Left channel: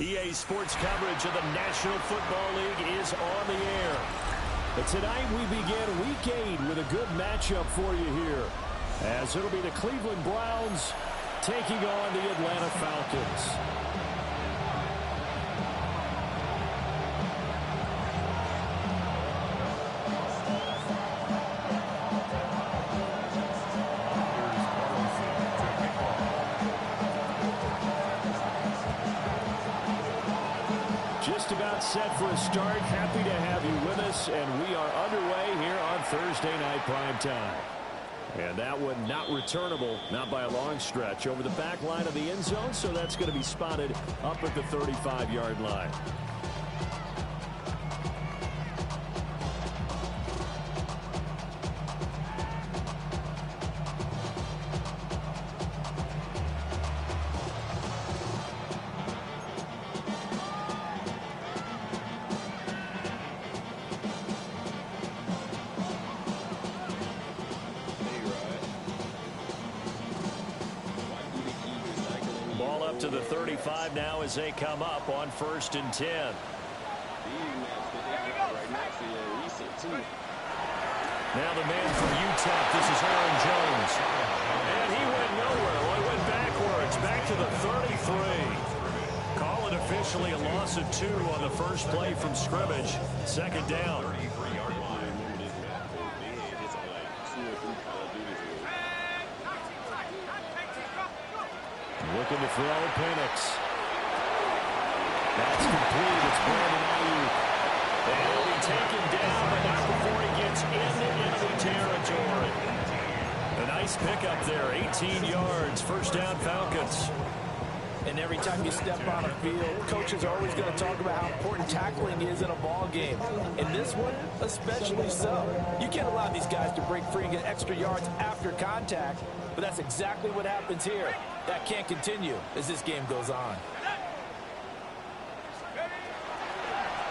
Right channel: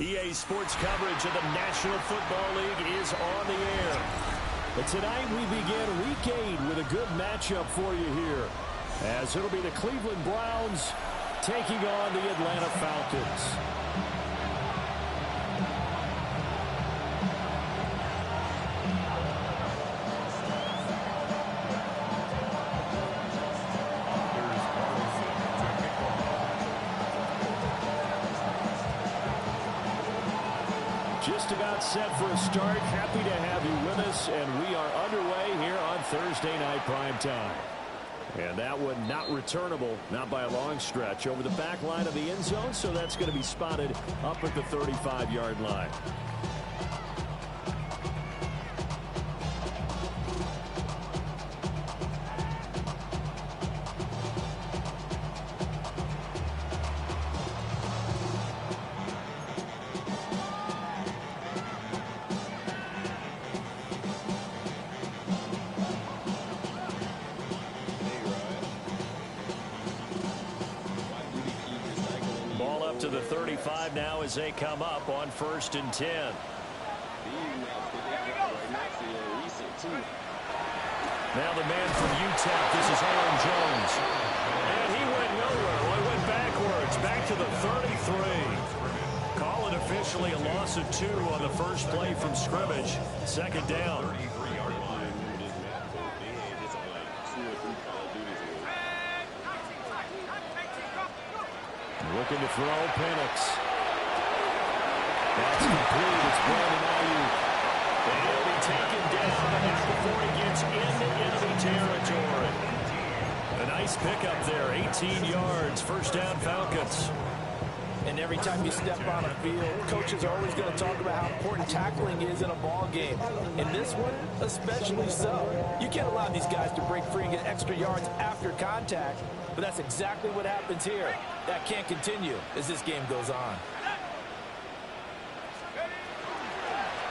EA Sports coverage of the National Football League is on the air. But tonight we begin Week 8 with a good matchup for you here, as it'll be the Cleveland Browns taking on the Atlanta Falcons. Just about set for a start. Happy to have you with us, and we are underway here on Thursday night prime time. And that one not returnable, not by a long stretch, over the back line of the end zone, so that's going to be spotted up at the 35-yard line. Ball up to the 35 now as they come up on 1st and 10. Now the man from UTEP, this is Aaron Jones. And he went nowhere. Well, he went backwards, back to the 33. Call it officially a loss of 2 on the first play from scrimmage. 2nd down. Looking to throw, Penix. That's complete. It's Brandon Ayuk. And he'll be taken down, but not before he gets into enemy territory. A nice pickup there, 18 yards. 1st down, Falcons. And every time you step on a field, coaches are always going to talk about how important tackling is in a ball game. In this one, especially so. You can't allow these guys to break free and get extra yards after contact, but that's exactly what happens here. That can't continue as this game goes on.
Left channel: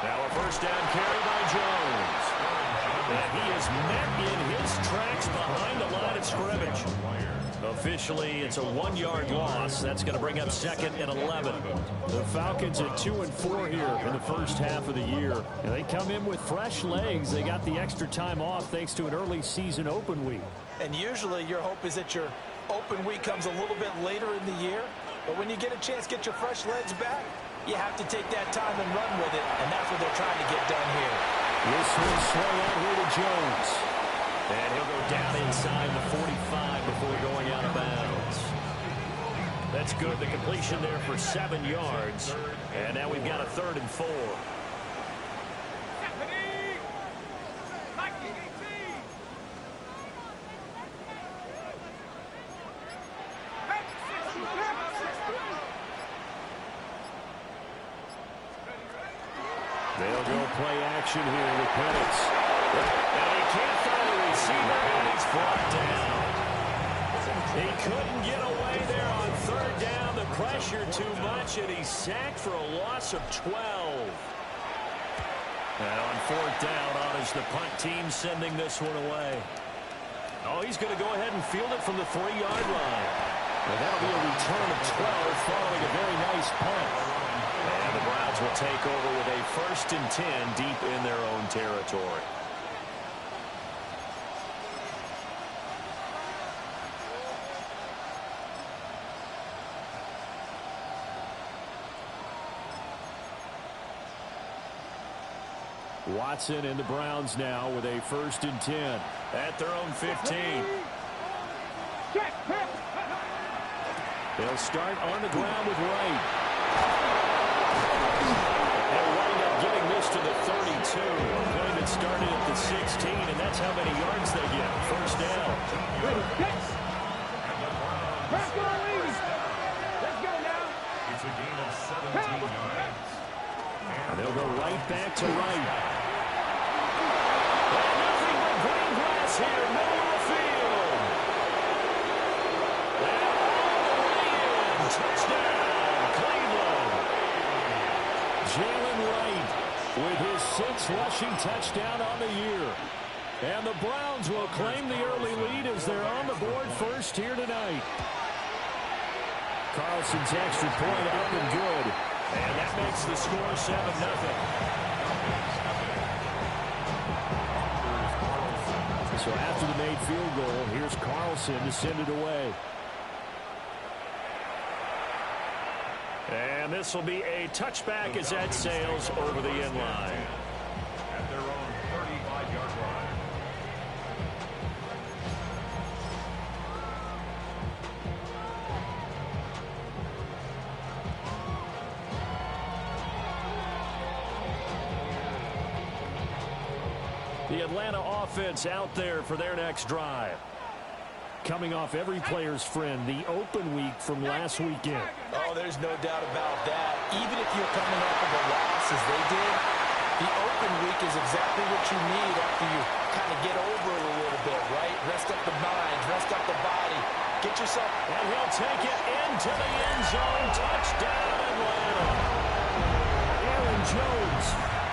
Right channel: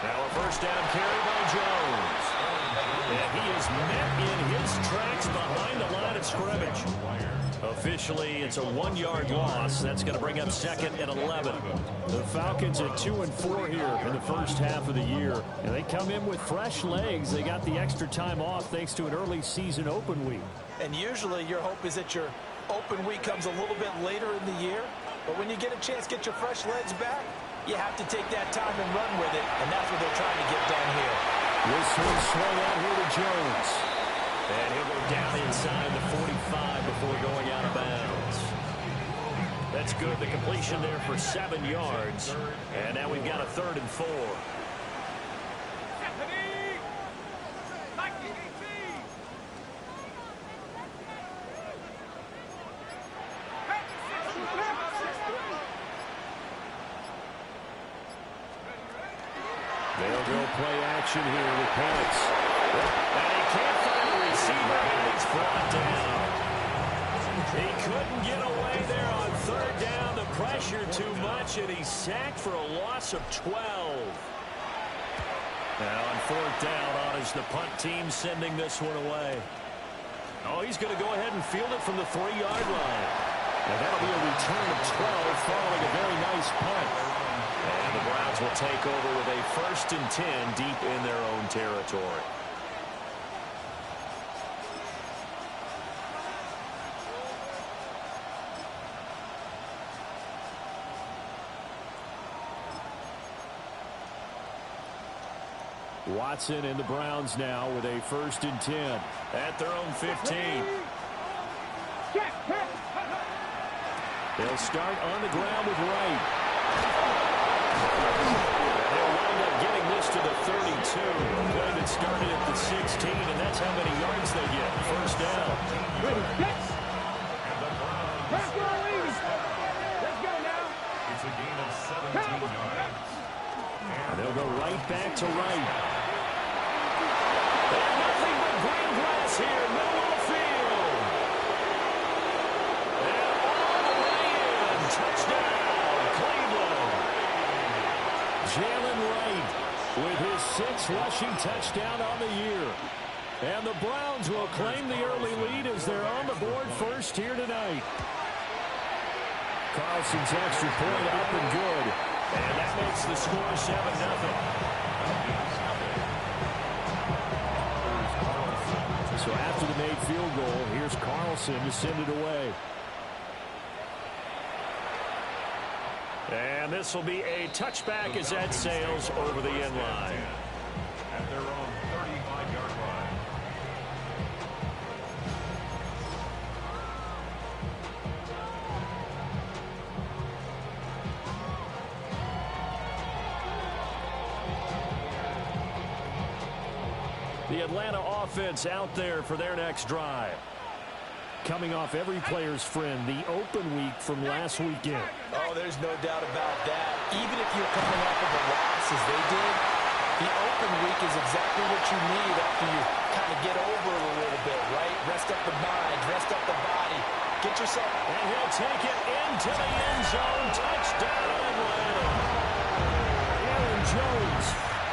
Now a 1st down carry by Jones. And he is met in his tracks behind the line of scrimmage. Officially, it's a 1-yard loss. That's going to bring up 2nd and 11. The Falcons at 2-4 here in the first half of the year. And they come in with fresh legs. They got the extra time off thanks to an early season open week. And usually your hope is that your open week comes a little bit later in the year. But when you get a chance to get your fresh legs back, you have to take that time and run with it. And that's what they're trying to get done here. This one swung out here to Jones. And he'll go down inside the 45 before going out of bounds. That's good. The completion there for 7 yards. And now we've got a 3rd and 4. They'll go play action here with Penix. And he can't find the receiver, and he's brought down. He couldn't get away there on 3rd down. The pressure too much, and he's sacked for a loss of 12. And on 4th down, on is the punt team sending this one away. Oh, he's going to go ahead and field it from the 3-yard line. And that'll be a return of 12 following a very nice punt. And the Browns will take over with a 1st and 10 deep in their own territory. Watson and the Browns now with a 1st and 10 at their own 15. They'll start on the ground with Wright. And they'll wind up getting this to the 32. A play that started at the 16, and that's how many yards they get. 1st down. Let's go now. It's a gain of 17 yards. And they'll go right back to Wright. And nothing but green grass here, middle of the field. And all the way in. Touchdown, Cleveland. Jalen Wright with his 6th rushing touchdown on the year. And the Browns will claim the early lead as they're on the board first here tonight. Carlson's extra point up and good. And that makes the score 7-0. So after the made field goal, here's Carlson to send it away. And this will be a touchback as that sails over the end line. At their own 35-yard line. The Atlanta offense out there for their next drive. Coming off every player's friend, the open week from last weekend. Oh, there's no doubt about that. Even if you're coming off of a loss as they did, the open week is exactly what you need after you kind of get over it a little bit, right? Rest up the mind, rest up the body. Get yourself... And he'll take it into the end zone. Touchdown, Atlanta. Aaron Jones,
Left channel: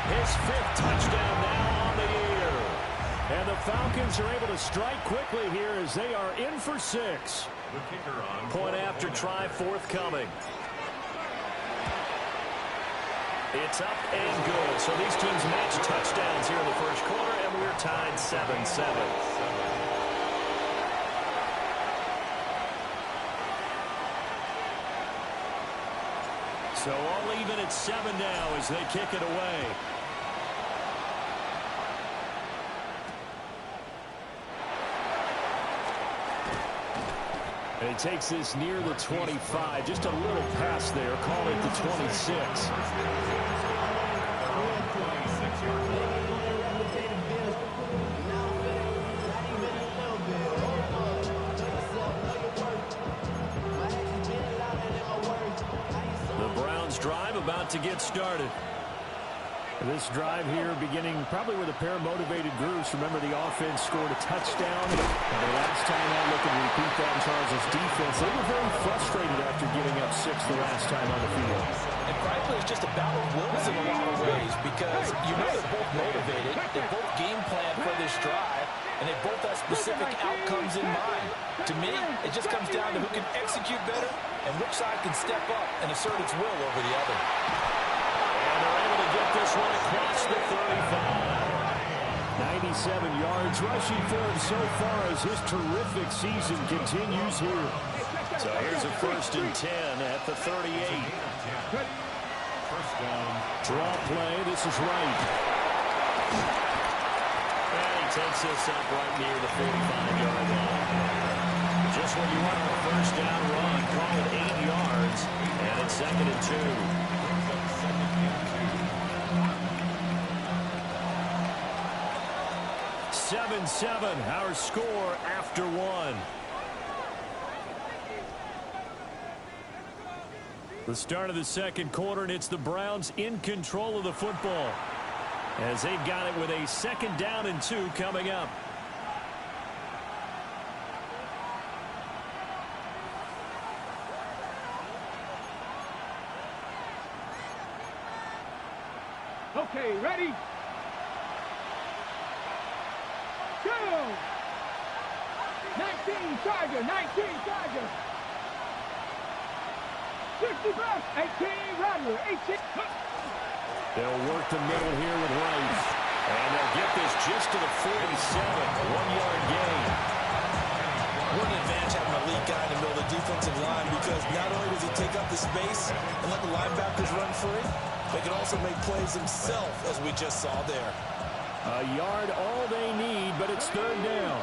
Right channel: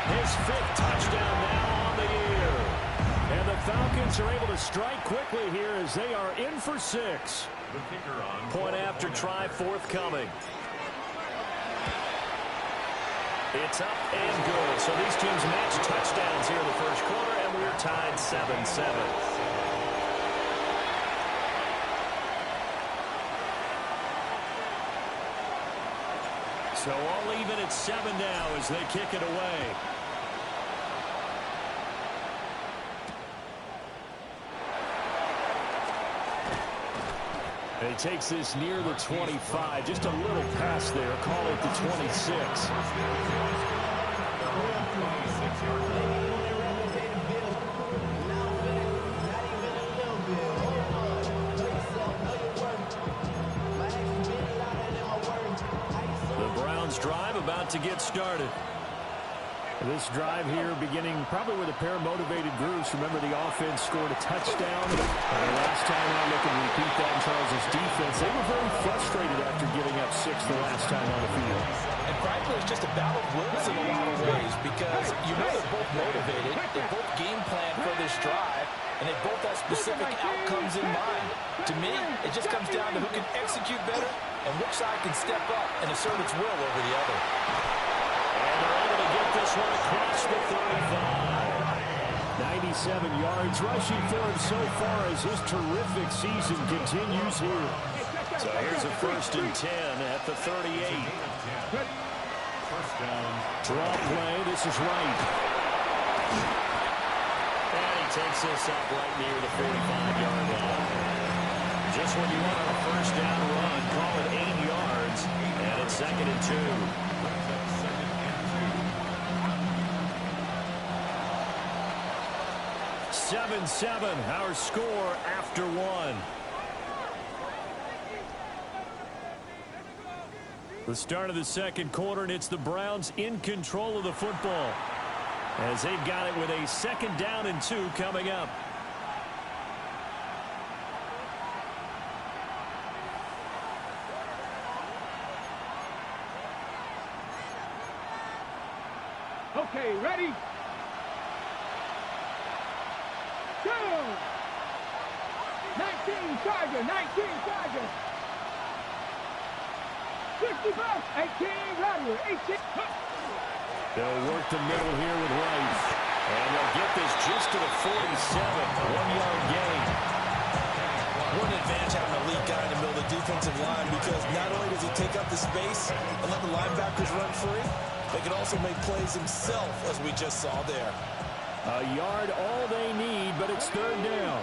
his 5th touchdown now on the year. And the Falcons are able to strike quickly here as they are in for 6. The kicker on Point after try forthcoming. It's up and good. So these teams match touchdowns here in the first quarter, and we're tied 7-7. So all even at 7 now as they kick it away. And he takes this near the 25. Just a little pass there. Call it the 26. The Browns drive about to get started. This drive here beginning probably with a pair of motivated groups. Remember, the offense scored a touchdown. And their last time out, look and repeat that in Charles' defense. They were very frustrated after giving up 6 the last time on the field. And frankly, it's just a battle of wills in a lot of ways because you know they're both motivated. They both game plan for this drive, and they both have specific outcomes in mind. To me, it just comes down to who can execute better and which side can step up and assert its will over the other. And they're able to get this one across the 35. 97 yards rushing for him so far as his terrific season continues here. So here's a 1st and 10 at the 38. First down. Draw play. This is right. And he takes this up right near the 45-yard line. Just what you want on a first down run. Call it 8 yards. And it's 2nd and 2. 7-7, our score after 1. The start of the second quarter, and it's the Browns in control of the football as they've got it with a 2nd down and 2 coming up. Okay, ready? Go! 19 Tiger, 19 Tiger. 65, 18 Rattler, 18. They'll work the middle here with Rice. And they'll get this just to the 47, 1-yard gain. What an advantage having a lead guy in the middle of the defensive line because not only does he take up the space and let the linebackers run free, they can also make plays himself, as we just saw there. A yard all they need, but it's 3rd down.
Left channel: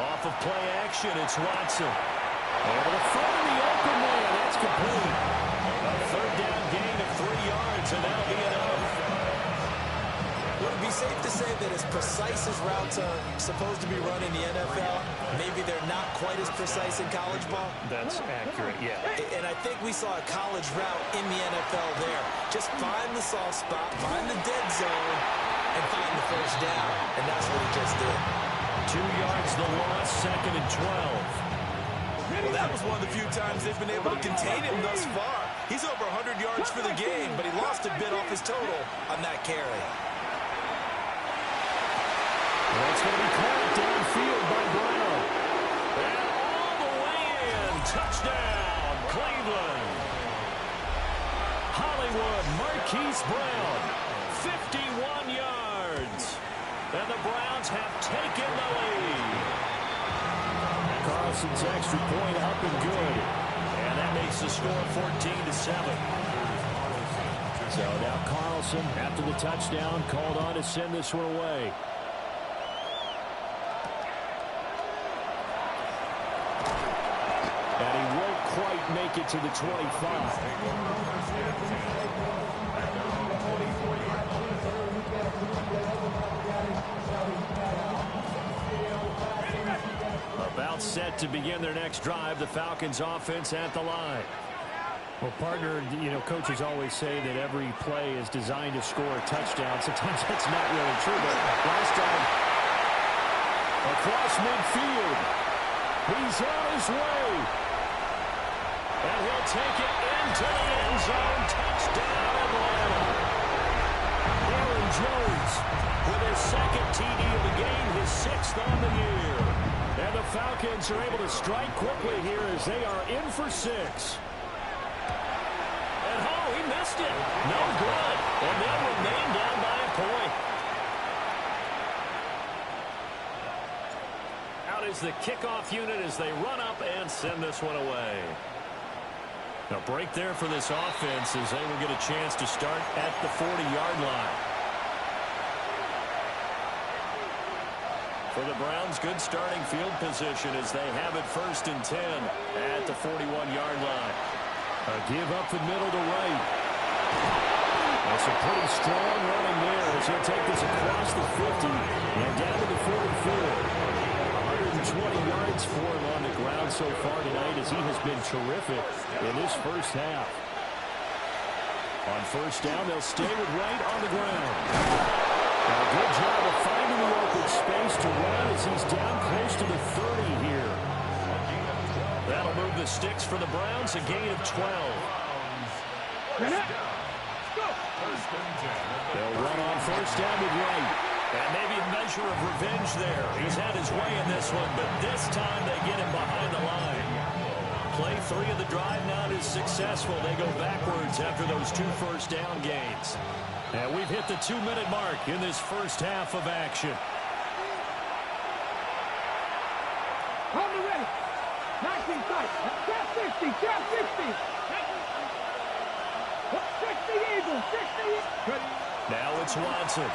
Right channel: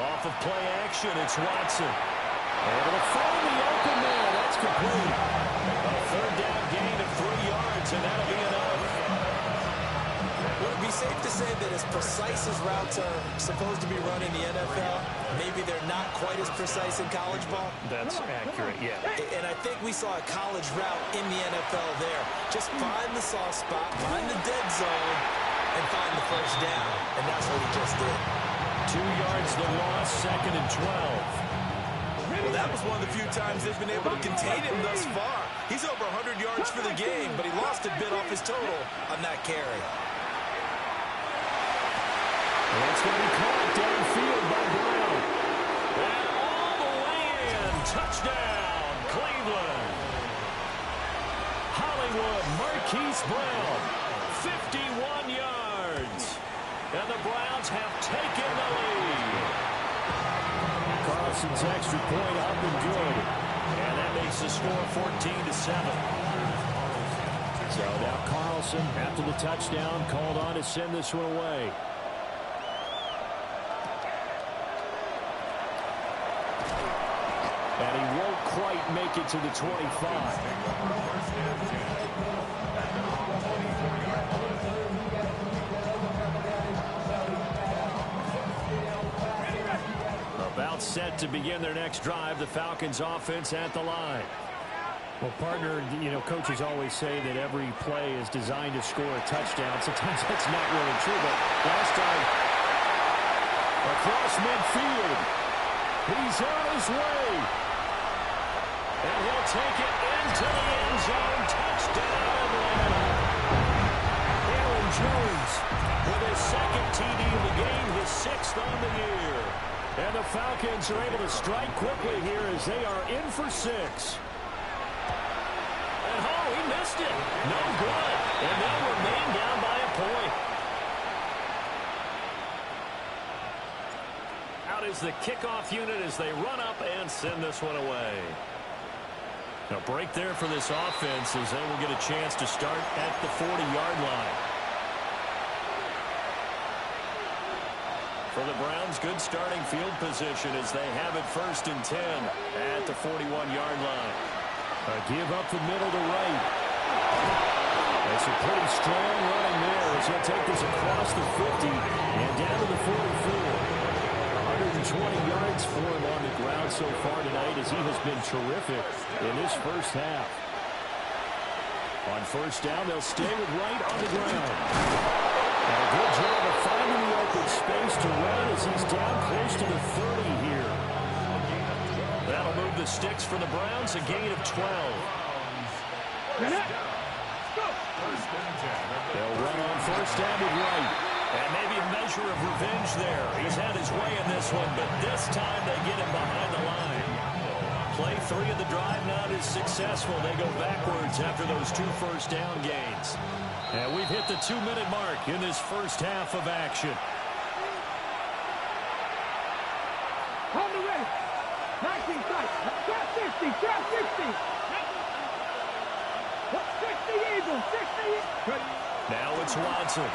Off of play action, it's Watson. Able to find the open man. That's complete. A 3rd down gain of 3 yards, and that'll be enough. Would it be safe to say that as precise as routes are supposed to be run in the NFL, maybe they're not quite as precise in college ball? That's accurate, yeah. And I think we saw a college route in the NFL there. Just find the soft spot, find the dead zone, and find the first down. And that's what he just did. 2 yards the loss, 2nd and 12. Well, that was one of the few times they've been able to contain him thus far. He's over 100 yards for the game, but he lost a bit off his total on that carry. And that's going to be caught downfield by Brown. And all the way in. Touchdown, Cleveland. Collingwood, Marquise Brown, 51 yards. And the Browns have taken the lead. Carlson's extra point up and good. And that makes the score 14-7. So now Carlson, after the touchdown, called on to send this one away. And he won't quite make it to the 25. About set to begin their next drive, the Falcons offense at the line. Well, partner, you know, coaches always say that every play is designed to score a touchdown. Sometimes that's not really true, but last time, across midfield, he's on his way. And he'll take it into the end zone. Touchdown, Atlanta. Aaron Jones with his second TD of the game, his 6th on the year. And the Falcons are able to strike quickly here as they are in for 6. And oh, he missed it. No good. And they'll remain down by a point. Out is the kickoff unit as they run up and send this one away. A break there for this offense as they will get a chance to start at the 40-yard line. For the Browns, good starting field position as they have it 1st and 10 at the 41-yard line. a give up the middle to right. That's a pretty strong running there as he'll take this across the 50 and down to the 44. 120 yards for him on the ground so far tonight as he has been terrific in this first half. On 1st down, they'll stay with Wright on the ground. And a good job of finding the open space to run as he's down close to the 30 here. That'll move the sticks for the Browns, a gain of 12. They'll run on 1st down with Wright. And maybe a measure of revenge there. He's had his way in this one, but this time they get him behind the line. Play 3 of the drive not as successful. They go backwards after those 2 first down gains. And we've hit the 2-minute mark in this first half of action. On the ready. 19 sight. Trap 60. Trap 60. 60 Eagles. 60. Now it's Watson.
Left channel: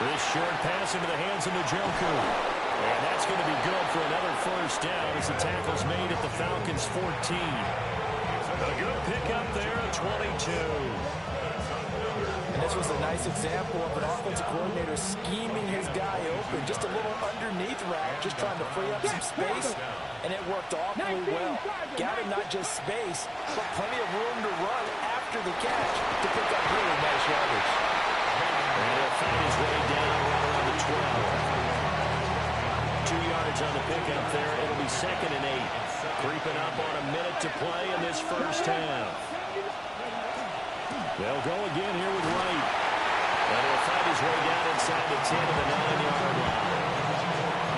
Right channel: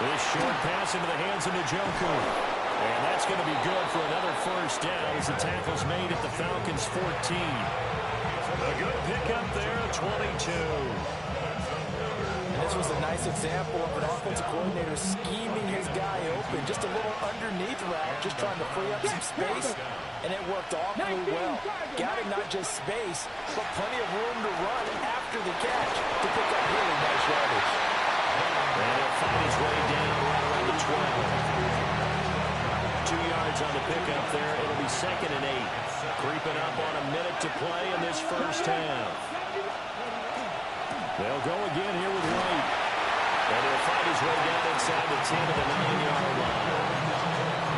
This short pass into the hands of Njoku. And that's going to be good for another 1st down as the tackle's made at the Falcons' 14. A good pickup there at 22. And this was a nice example of an offensive coordinator scheming his guy open. Just a little underneath route, just trying to free up some space. And it worked awfully well. Got him not just space, but plenty of room to run after the catch to pick up really nice yardage. And he'll find his way down right around the 12. 2 yards on the pickup there. It'll be 2nd and 8. Creeping up on a minute to play in this first half. They'll go again here with Wright. And he'll find his way down inside the 10 of the 9-yard line.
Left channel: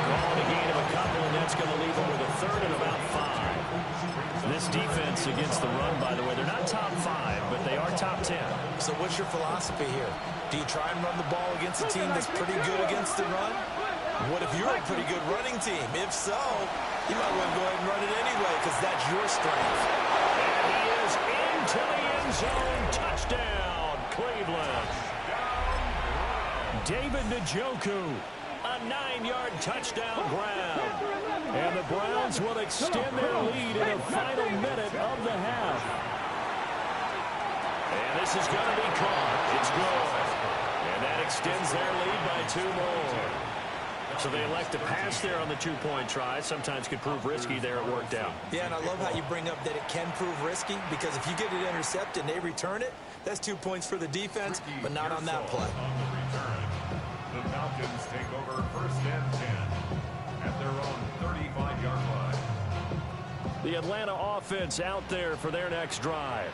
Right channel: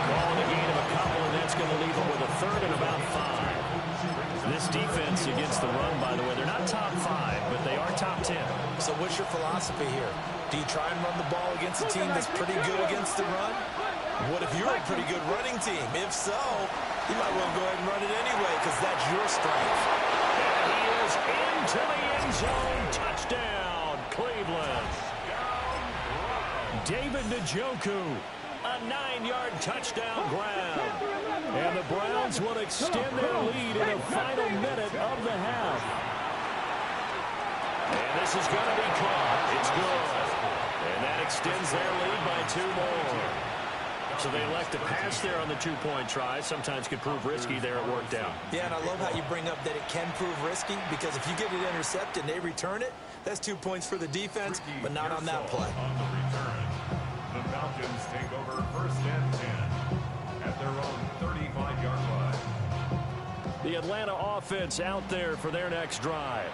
Calling a gain of a couple, and that's going to leave him with a 3rd and about 5. This defense against the run, by the way, they're not top 5, but they are top 10. So what's your philosophy here? Do you try and run the ball against a team that's pretty good against the run? What if you're a pretty good running team? If so, you might want to go ahead and run it anyway because that's your strength. And he is into the end zone. Touchdown, Cleveland. David Njoku. A 9-yard touchdown grab. And the Browns will extend their lead in the final minute of the half. And this is going to be caught. It's good. And that extends their lead by 2 more. So they elect to pass there on the 2-point try. Sometimes could prove risky there. It worked out. Yeah, and I love how you bring up that it can prove risky because if you get it intercepted and they return it, that's 2 points for the defense, but not on that play. On the return, the Falcons take over 1st and 10 at their own 35-yard line. The Atlanta offense out there for their next drive.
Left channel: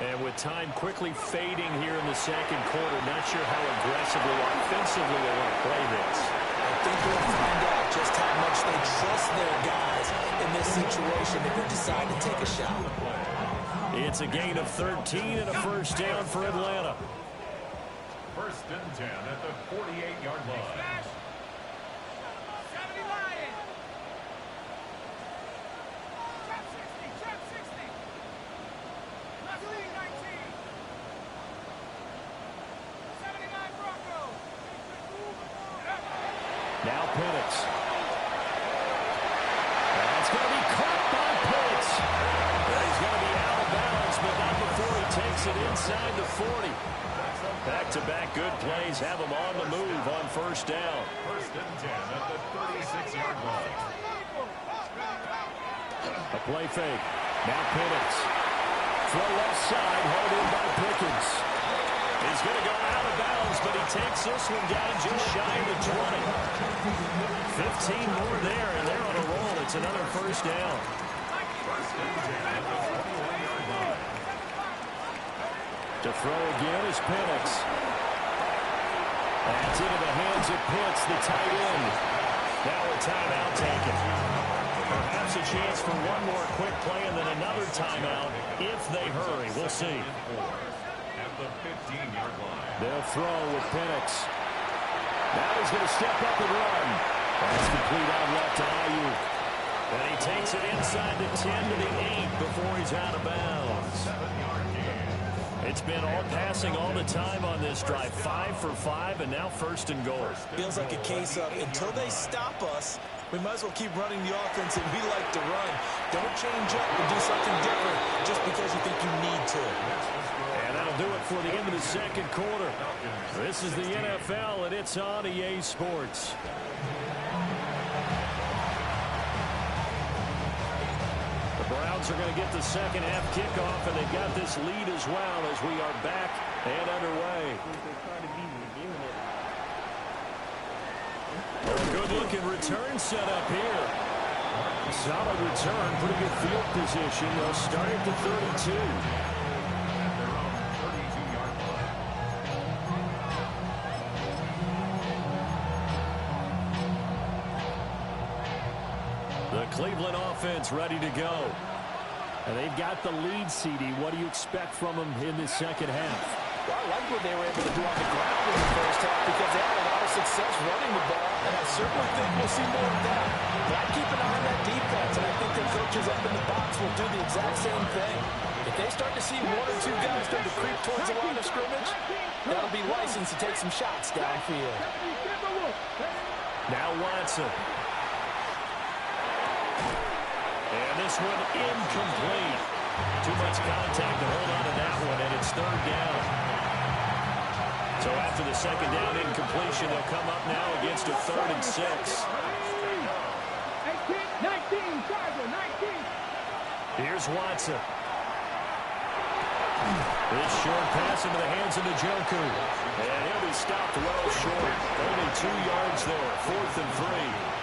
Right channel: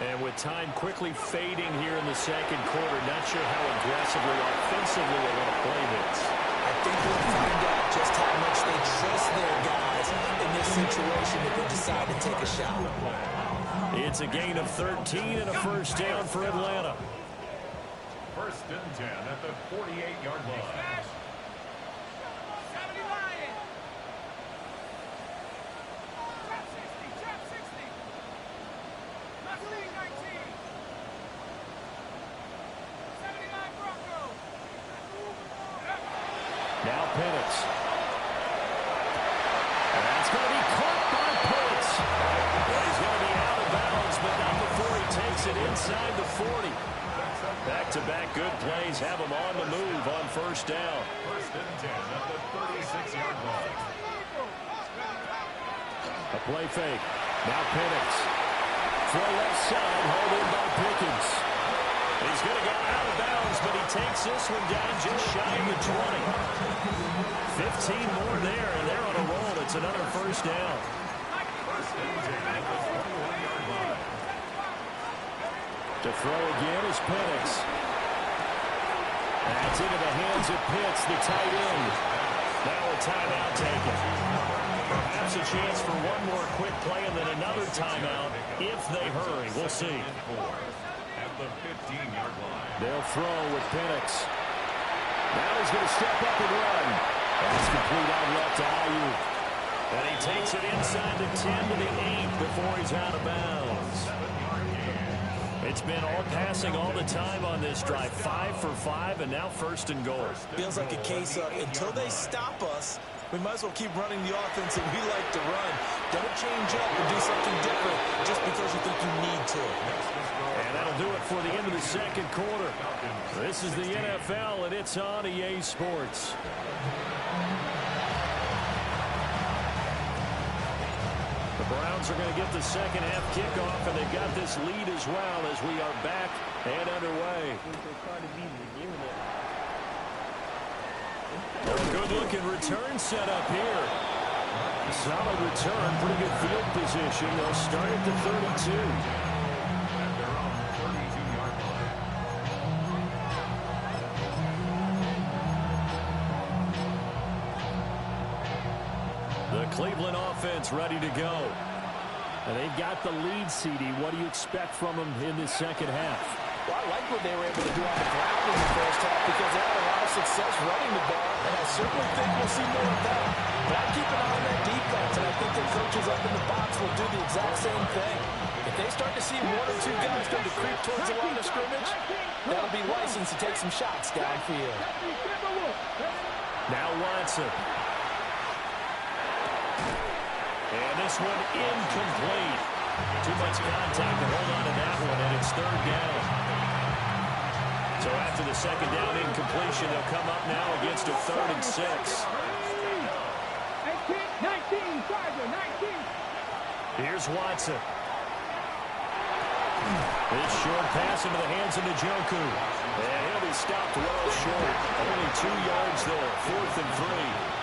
And with time quickly fading here in the 2nd quarter, not sure how aggressively, offensively they want to play this. I think we'll find out just how much they trust their guys in this situation if they decide to take a shot. It's a gain of 13 and a first down for Atlanta. First and 10 at the 48-yard line. Now Penix. That's going to be caught by Penix. He's going to be out of bounds, but not before he takes it inside the 40. Back-to-back good plays have him on the move on first down. First and 10 at the 36-yard line. A play fake. Now Penix. Throw left side, hauled in by Pickens. He's going to go out of bounds, but he takes this one down just shy of the 20. 15 more there, and they're on a roll. It's another first down. First and 10 at the 21-yard line. To throw again is Penix. That's into the hands of Pitts, the tight end. Now a timeout taken. Perhaps a chance for one more quick play and then another timeout if they hurry. We'll see. At the 15-yard line. They'll throw with Penix. Now he's going to step up and run. That's complete out left to Ayuk. And he takes it inside the 10 to the 8 before he's out of bounds. 7-yard gain. It's been all passing all the time on this drive. 5 for 5, and now first and goal. Feels like a case of until they stop us, we might as well keep running the offense that we like to run. Don't change up and do something different just because you think you need to. And that'll do it for the end of the second quarter. This is the NFL, and it's on EA Sports. The Browns are going to get the second half kickoff, and they've got this lead as well as we are back and underway. A good-looking return set up here. Solid return, pretty good field position. They'll start at the 32. At their own 32-yard line. The Cleveland offense ready to go. And they've got the lead, CD. What do you expect from them in this second half? Well, I like what they were able to do on the ground in the first half because they had a lot of success running the ball, and I certainly think we'll see more of that. But I'd keep an eye on that defense, and I think their coaches up in the box will do the exact same thing. If they start to see one or two guys start to creep towards the line of scrimmage, that'll be license to take some shots downfield. Now Watson. And this one incomplete. Too much contact to hold on to that one, and it's third down. So after the second down incompletion, they'll come up now against a 3rd and 6. 19, Charger, 19. Here's Watson. This short pass into the hands of Njoku. And he'll be stopped well short. Only 2 yards there. 4th and 3.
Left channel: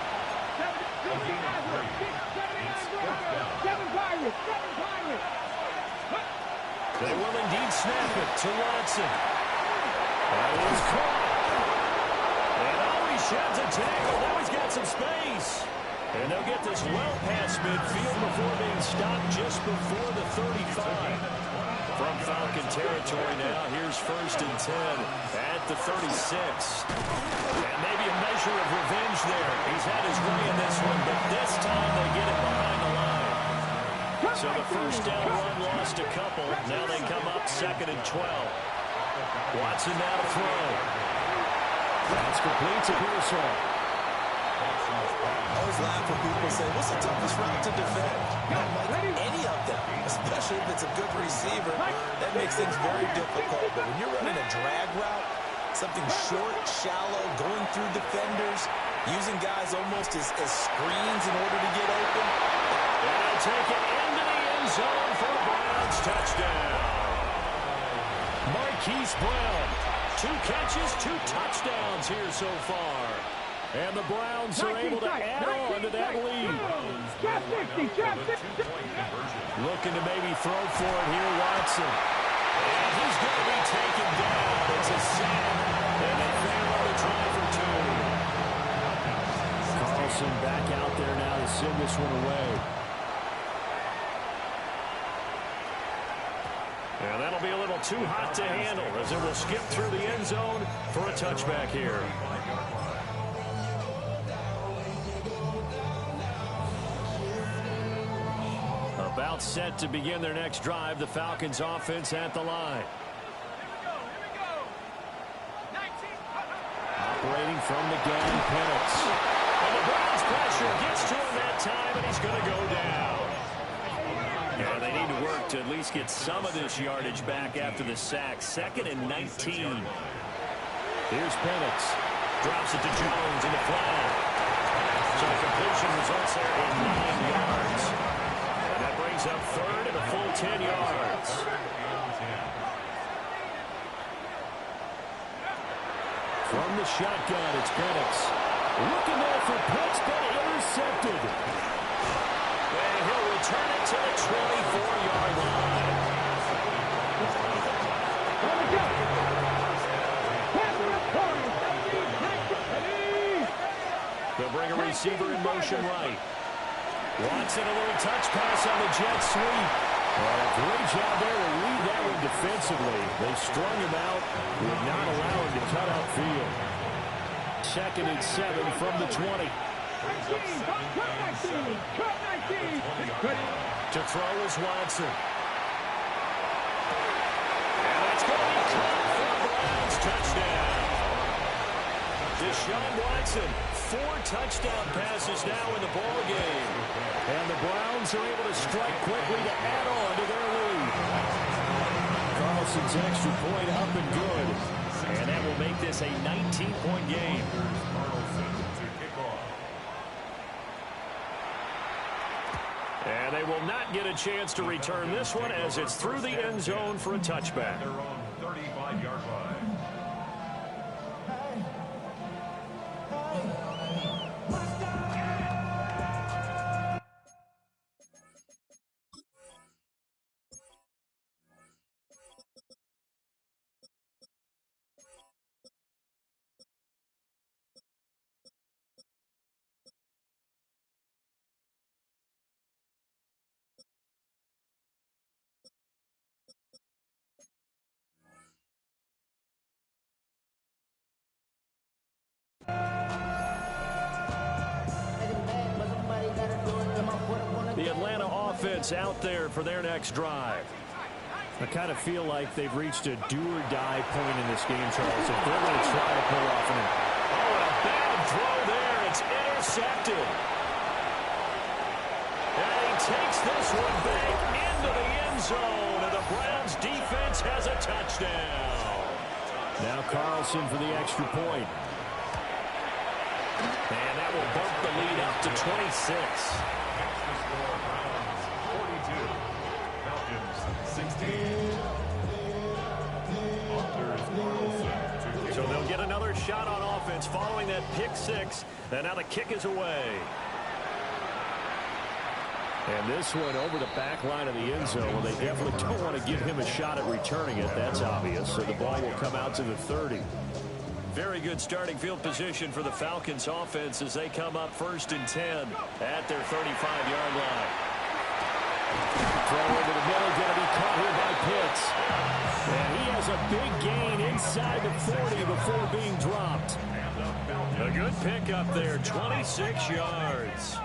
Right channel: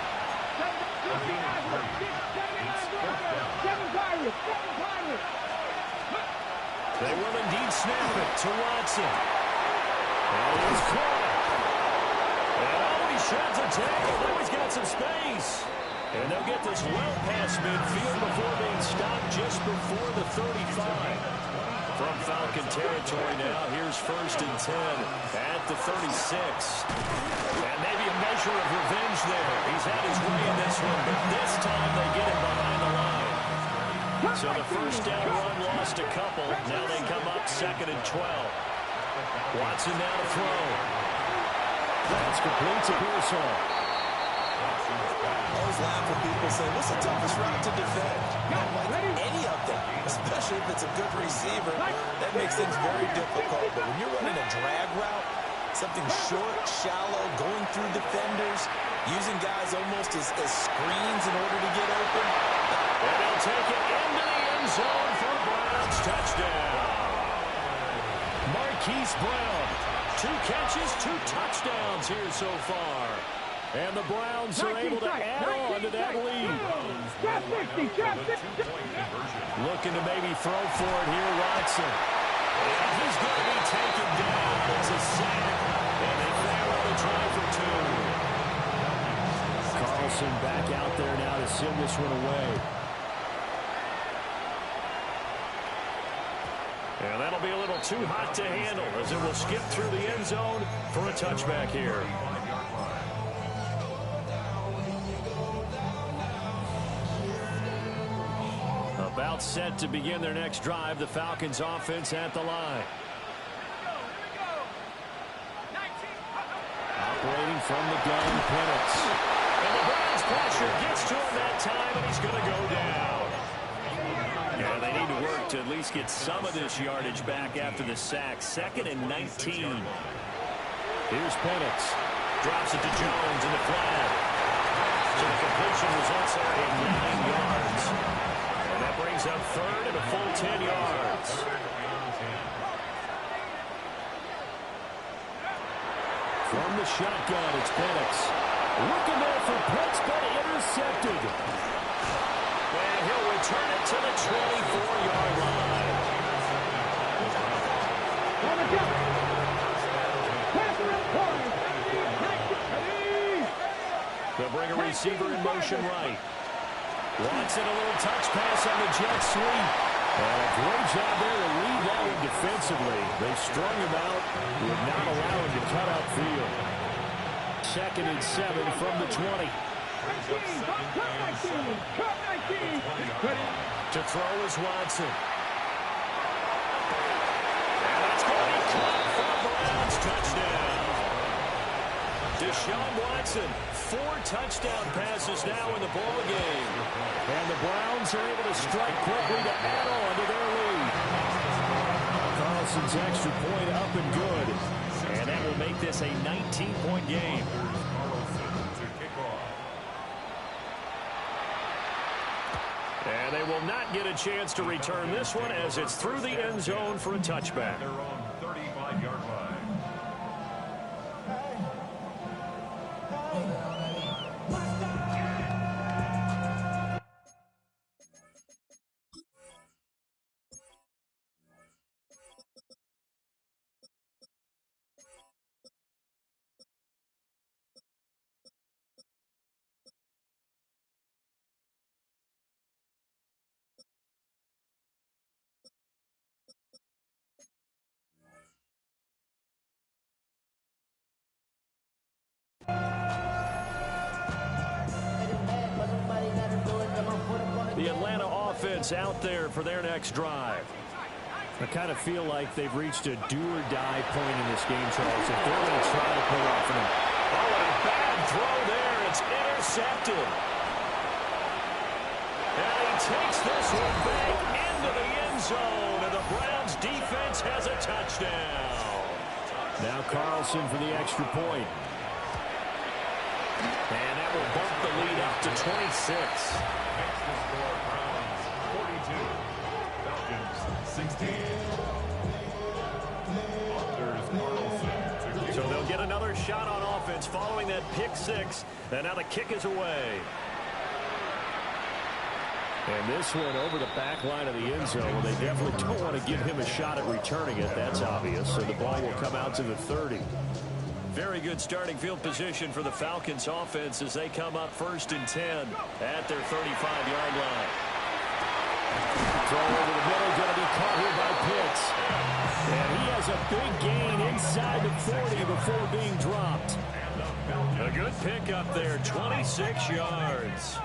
They will indeed snap it to Watson. That is caught. And oh, he sheds a tackle. Now he's got some space. And they'll get this well past midfield before being stopped just before the 35. From Falcon territory now, here's 1st and 10 at the 36. And maybe a measure of revenge there. He's had his way in this one, but this time they get it behind the line. So the first down run lost a couple. Now they come up 2nd and 12. Watson now to throw. That's complete to Pearsall. I always laugh when people say, what's the toughest route to defend? Not like any of them, especially if it's a good receiver. That makes things very difficult. But when you're running a drag route, something short, shallow, going through defenders, using guys almost as screens in order to get open. And they'll take it into the end zone for a Browns touchdown. Marquise Brown, 2 catches, 2 touchdowns here so far. And the Browns are able to add on to that lead. Looking to maybe throw for it here, Watson. And he's going to be taken down. It's a sack, and they fail on a try for 2. Carlson back out there now to send this one away. And that'll be a little too hot to handle as it will skip through the end zone for a touchback here. About set to begin their next drive, the Falcons offense at the line. Operating from the gun, Penix. And the Browns pressure gets to him that time, and he's going to go down. Yeah, they need to work to at least get some of this yardage back after the sack. 2nd and 19. Here's Penix. Drops it to Jones in the flat. So the completion results there in 9 yards. And that brings up 3rd and a full 10 yards. From the shotgun, it's Penix. Looking there for Pitts, but intercepted. And he'll return it to the 24-yard line. On the jump. Passer up corner. They'll bring a receiver in motion right. Watson, a little touch pass on the jet sweep. And a great job there to read that one defensively. They strung him out, would not allow him to cut outfield. 2nd and 7 from the 20. To throw is Watson. And that's going to be caught for a Browns touchdown. Deshaun Watson, 4 touchdown passes now in the ball game. And the Browns are able to strike quickly to add on to their lead. Carlson's extra point up and good. And that will make this a 19-point game. And they will not get a chance to return this one as it's through the end zone for a touchback. They're on 35-yard line. The Atlanta offense out there for their next drive. I kind of feel like they've reached a do-or-die point in this game, Charles, if they're going to try to pull off an... Oh, and a bad throw there. It's intercepted. And he takes this one back into the end zone, and the Browns defense has a touchdown. Now Carlson for the extra point. And that will bump the lead up to 26. Next to score, Browns 42, Falcons 16. Anders Carlson to kick. So they'll get another shot on offense following that pick 6. And now the kick is away. And this one over the back line of the end zone. Well, they definitely don't want to give him a shot at returning it. That's obvious. So the ball will come out to the 30. Very good starting field position for the Falcons offense as they come up 1st and 10 at their 35-yard line. Throw over the middle, going to be caught here by Pitts. And he has a big gain inside the 40 before being dropped. A good pick up there, 26 yards.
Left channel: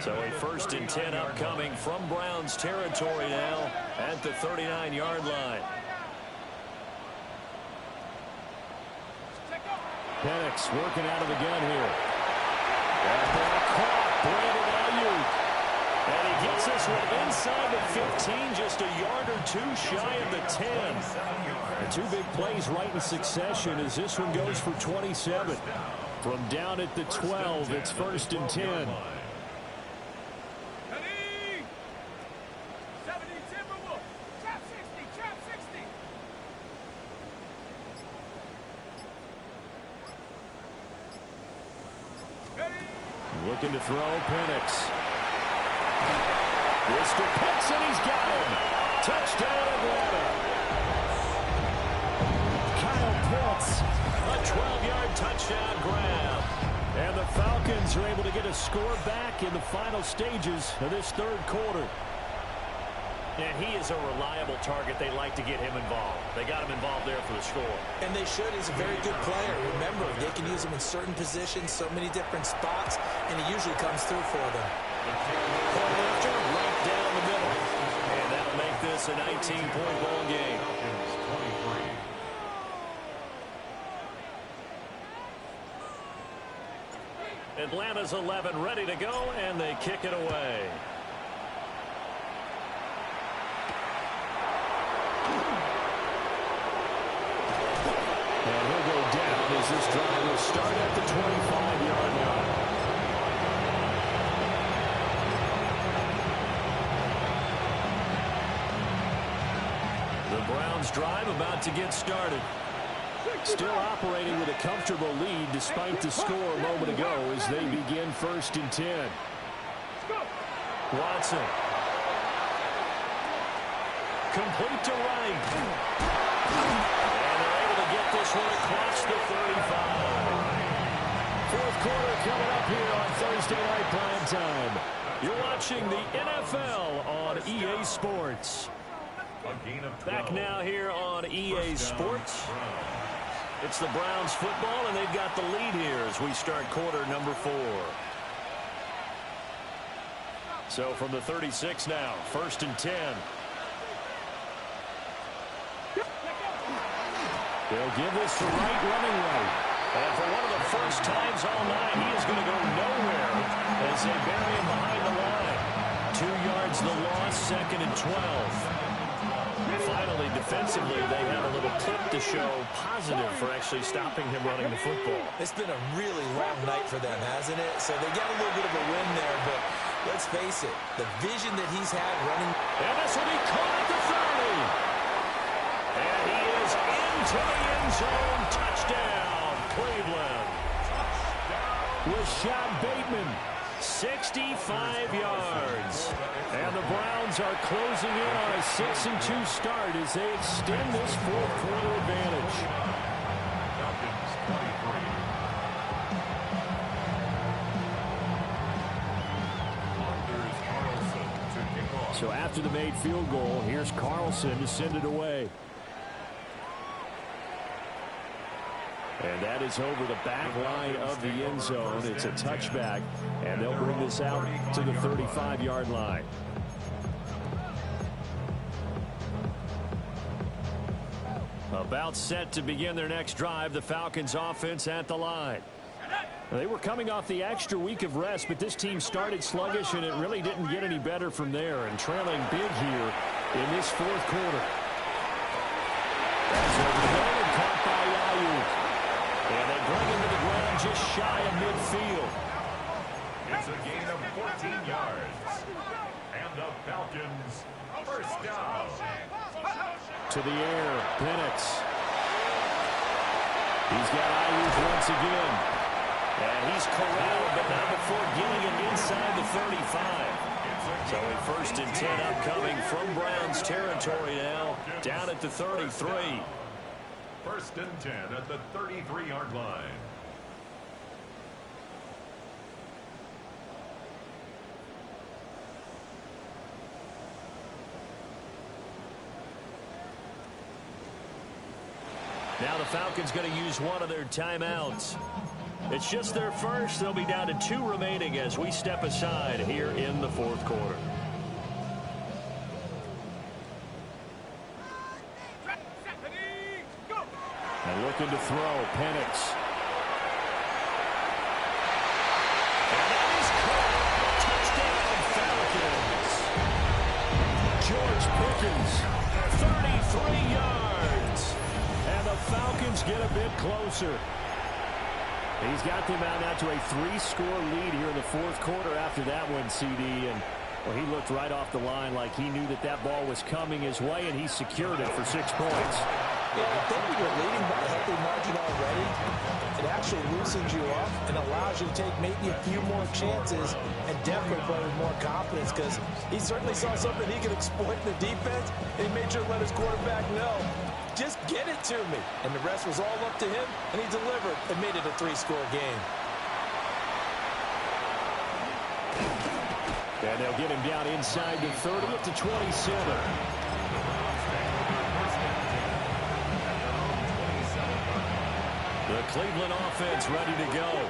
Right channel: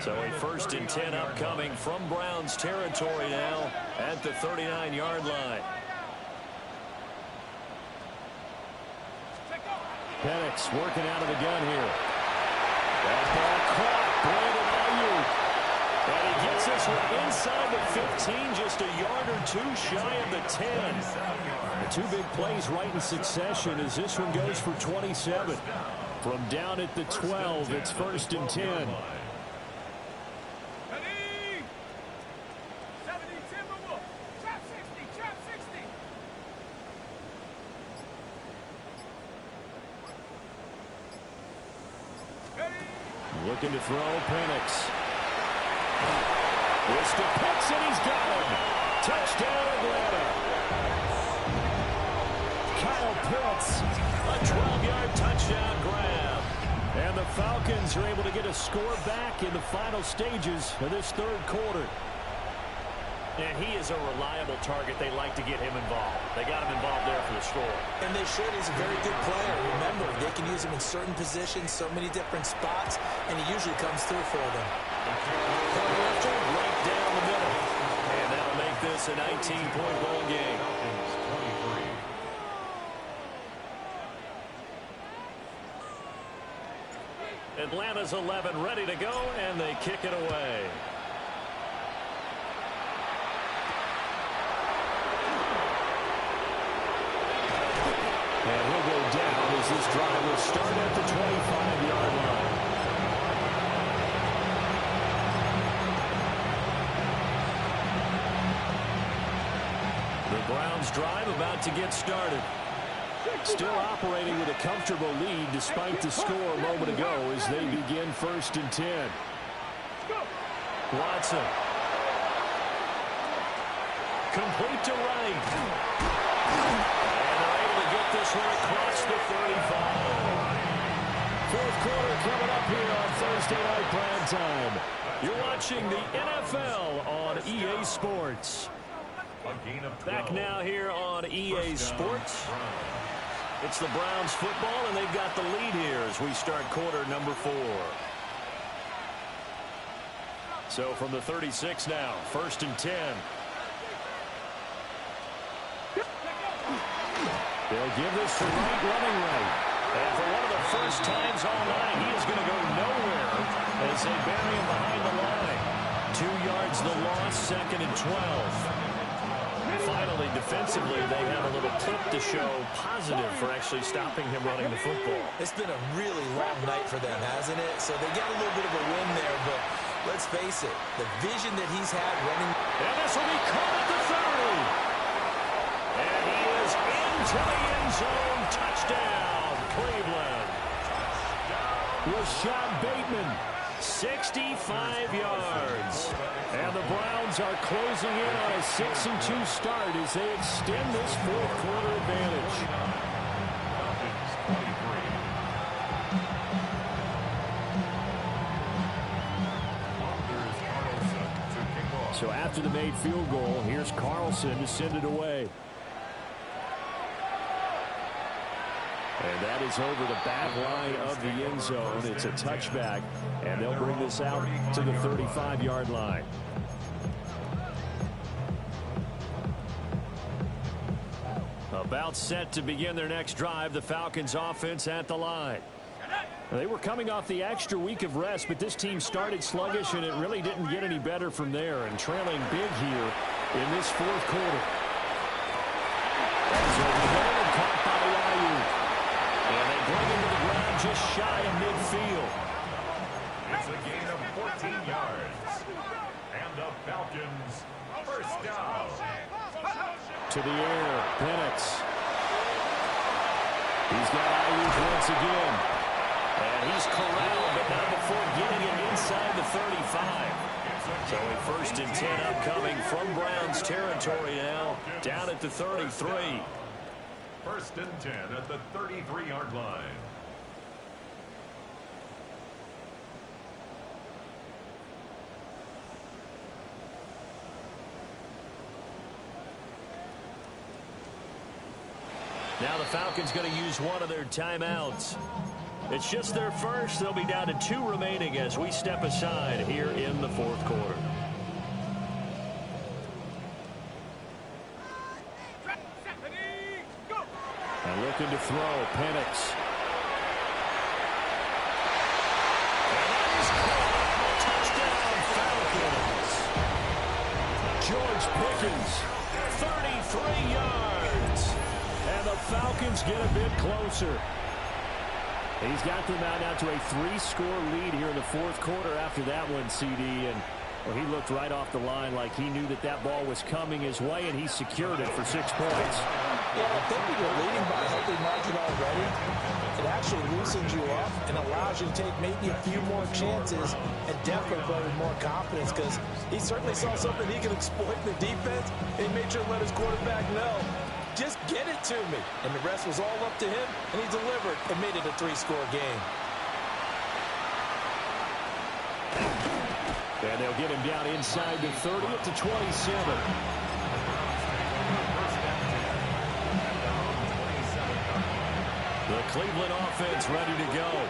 So a 1st and 10 upcoming from Browns territory now at the 39-yard line. Penix working out of the gun here. That ball caught. Brandon Ayuk. And he gets this one inside the 15, just a yard or 2 shy of the 10. The 2 big plays right in succession as this one goes for 27. From down at the 12, it's 1st and 10. Looking to throw, Penix. This to Pitts, and he's got him. Touchdown, Atlanta. Kyle Pitts, a 12-yard touchdown grab. And the Falcons are able to get a score back in the final stages of this 3rd quarter. And he is a reliable target. They like to get him involved. They got him involved there for the score. And they should. He's a very good player. Remember, they can use him in certain positions, so many different spots, and he usually comes through for them. Point after, right down the middle. And that'll make this a 19-point ball game. Atlanta's 11 ready to go, and they kick it away. And he'll go down as this drive will start at the 25-yard line. The Browns drive about to get started. Still operating with a comfortable lead despite the score a moment ago as they begin 1st and 10. Watson. Complete to right. And they're able to get this one across the 35. Fourth quarter coming up here on Thursday Night Prime Time. You're watching the NFL on EA Sports. Back now here on EA Sports. It's the Browns football, and they've got the lead here as we start quarter number 4. So from the 36 now, 1st and 10. They'll give this to Wright, running right. And for one of the first times all night, he is going to go nowhere as they bury him behind the line. 2 yards the loss, 2nd and 12. Finally, defensively, they have a little clip to show positive for actually stopping him running the football. It's been a really long night for them, hasn't it? So they got a little bit of a win there, but let's face it, the vision that he's had running. And this will be caught at the 30. And he is into the end zone. Touchdown, Cleveland. Rashad Bateman. 65 yards. And the Browns are closing in on a 6-2 start as they extend this fourth quarter advantage. Falcons 23. There's Carlson to kick off. So after the made field goal, here's Carlson to send it away. And that is over the back line of the end zone. It's a touchback, and they'll bring this out to the 35-yard line. About set to begin their next drive, the Falcons offense at the line. They were coming off the extra week of rest, but this team started sluggish, and it really didn't get any better from there, and trailing big here in this fourth quarter. That's over the middle and caught by Ayuk. And they bring him to the ground just shy of midfield. It's a gain of 14 yards. And the Falcons, first down. To the air, Penix. He's got Ayuk once again. And he's corralled, but not before getting it inside the 35. So a 1st and 10 upcoming from Browns territory now, down at the 33. 1st and 10 at the 33-yard line. Now the Falcons going to use one of their timeouts. It's just their first. They'll be down to 2 remaining as we step aside here in the fourth quarter. And looking to throw, Penix. And that is caught. Touchdown, Falcons. George Pickens. 33 yards. And the Falcons get a bit closer. He's got them out now to a 3-score lead here in the fourth quarter after that one, CD. And well, he looked right off the line like he knew that that ball was coming his way, and he secured it for 6 points. Yeah, I think when you're leading by a healthy margin already, it actually loosens you up and allows you to take maybe a few more chances and definitely play with more confidence, because he certainly saw something he could exploit in the defense, and he made sure to let his quarterback know, just get it to me. And the rest was all up to him, and he delivered and made it a 3-score game. And they'll get him down inside the 30 at the 27. The Cleveland offense ready to go.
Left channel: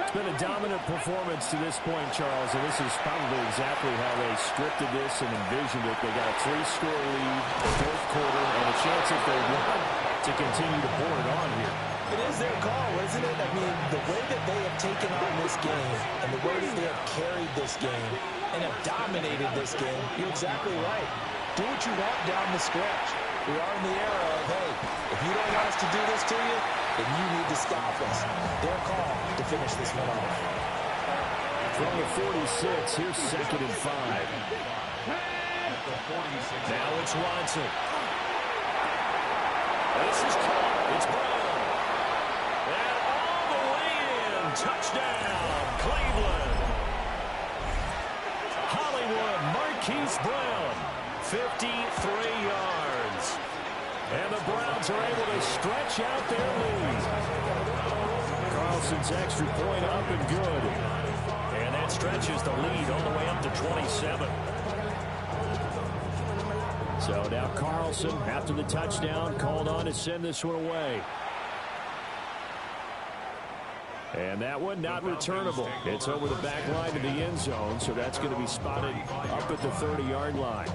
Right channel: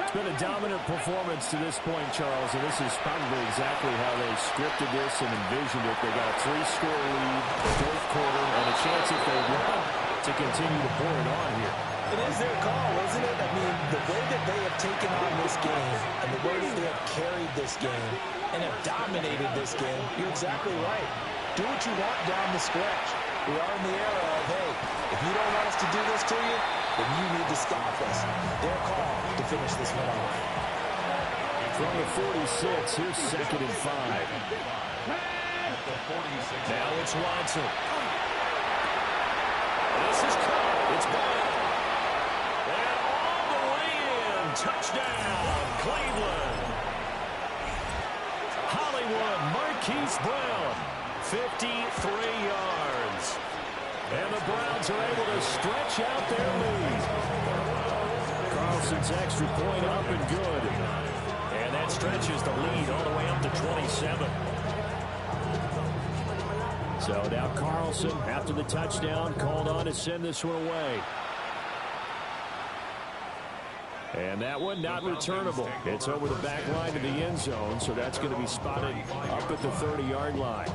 It's been a dominant performance to this point, Charles, and this is probably exactly how they scripted this and envisioned it. They got a 3-score lead, fourth quarter, and a chance if they want to continue to pour it on here. It is their call, isn't it? I mean, the way that they have taken on this game and the way that they have carried this game and have dominated this game, you're exactly right. Do what you want down the stretch. We are in the era of, hey, if you don't want us to do this to you, then you need to stop us. Their call to finish this one off. From the 46, here's 2nd and 5. Now it's Watson. This is caught. It's Brown. And all the way in. Touchdown, Cleveland. Hollywood Marquise Brown. 53 yards. And the Browns are able to stretch out their lead. Carlson's extra point up and good. And that stretches the lead all the way up to 27. So now Carlson, after the touchdown, called on to send this one away. And that one not returnable. It's over the back line of the end zone, so that's going to be spotted up at the 30-yard line.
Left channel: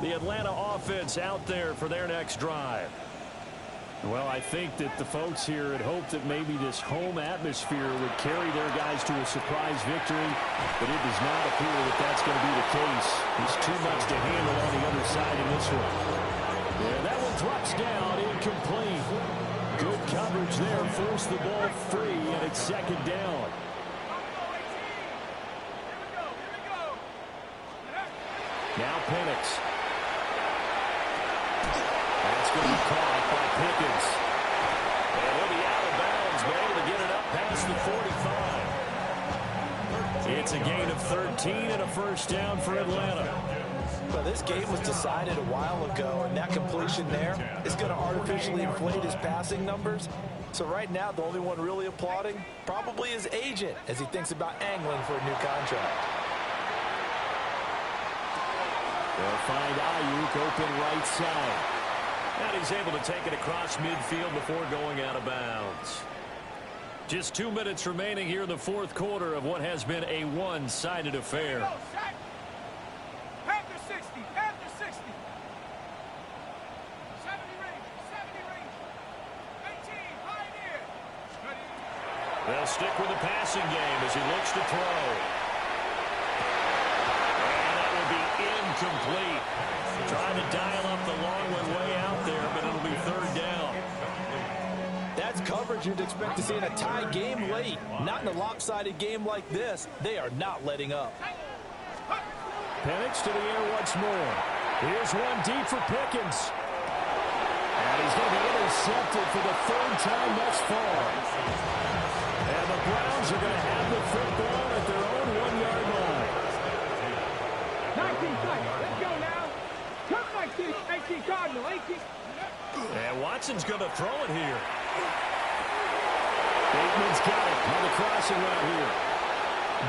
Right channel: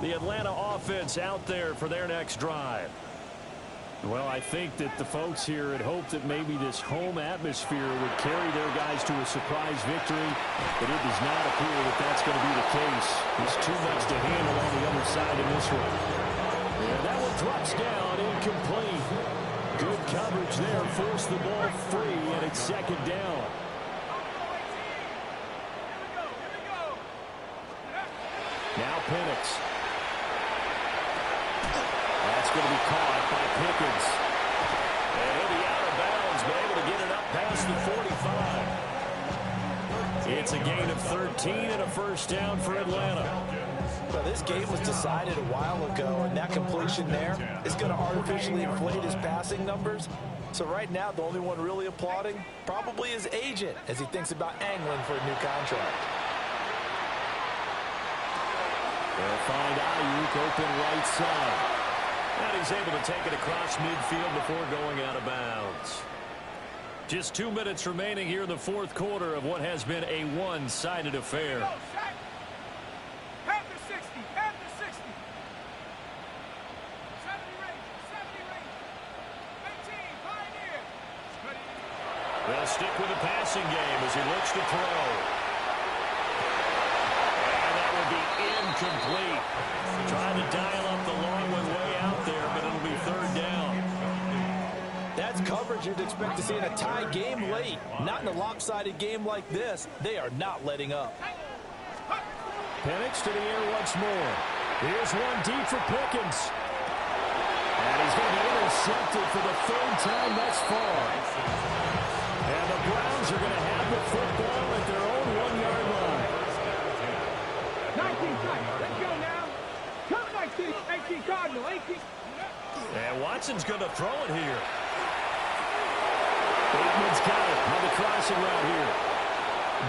The Atlanta offense out there for their next drive. Well, I think that the folks here had hoped that maybe this home atmosphere would carry their guys to a surprise victory, but it does not appear that that's going to be the case. There's too much to handle on the other side in this one. Yeah, that one drops down, incomplete. Good coverage there, forced the ball free, and it's 2nd down. Now Penix. That's going to be caught by Pickens. And he'll be out of bounds, but able to get it up past the 45. It's a gain of 13 and a first down for Atlanta. Well, this game was decided a while ago, and that completion there is going to artificially inflate his passing numbers. So right now, the only one really applauding probably his agent as he thinks about angling for a new contract. They'll find Ayuk open right side. And he's able to take it across midfield before going out of bounds. Just 2 minutes remaining here in the fourth quarter of what has been a one-sided affair. Panther 60, Panther 60. 70 Ranger, 18, Pioneer. They'll stick with the passing game as he looks to throw. And that will be incomplete. Trying to dial up the long one way out there, but it'll be 3rd down. That's coverage you'd expect to see in a tie game late. Not in a lopsided game like this. They are not letting up. Penix to the air once more. Here's one deep for Pickens. And he's going to be intercepted for the 3rd time thus far. And the Browns are going to have the football at their own 1-yard line. 19 strikes. Let's go now. Come 19. 18 Cardinal. 18. And Watson's going to throw it here. Bateman's got it on the crossing route here.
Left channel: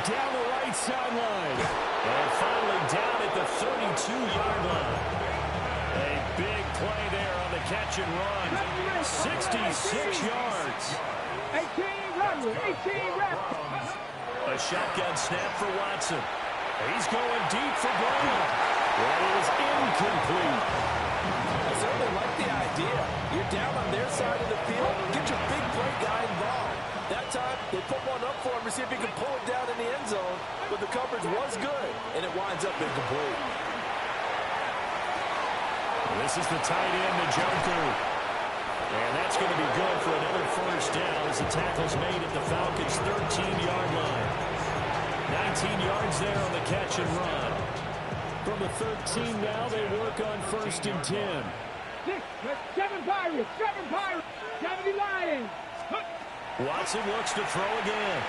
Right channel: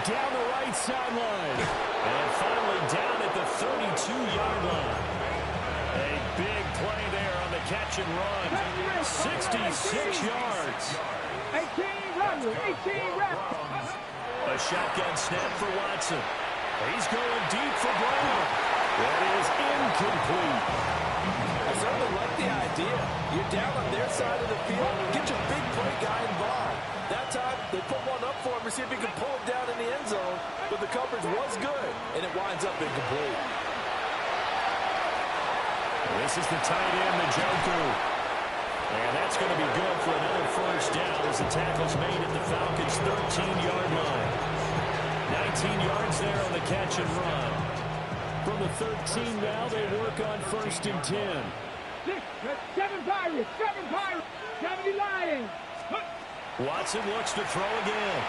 Down the right sideline. And finally down at the 32-yard line. A big play there on the catch and run. 66 yards. 18 run. 18 reps. A shotgun snap for Watson. He's going deep for Brown. That is incomplete. I certainly like the idea. You're down on their side of the field. Get your big play guy involved. That time, they put one up for him to see if he can pull it down in the end zone. But the coverage was good, and it winds up incomplete. This is the tight end, Njoku. And that's going to be good for another first down as the tackle's made at the Falcons' 13-yard line. 19 yards there on the catch and run. From the 13 now, they work on 1st and 10. 7 Pirates. 70 Lions. Watson looks to throw again.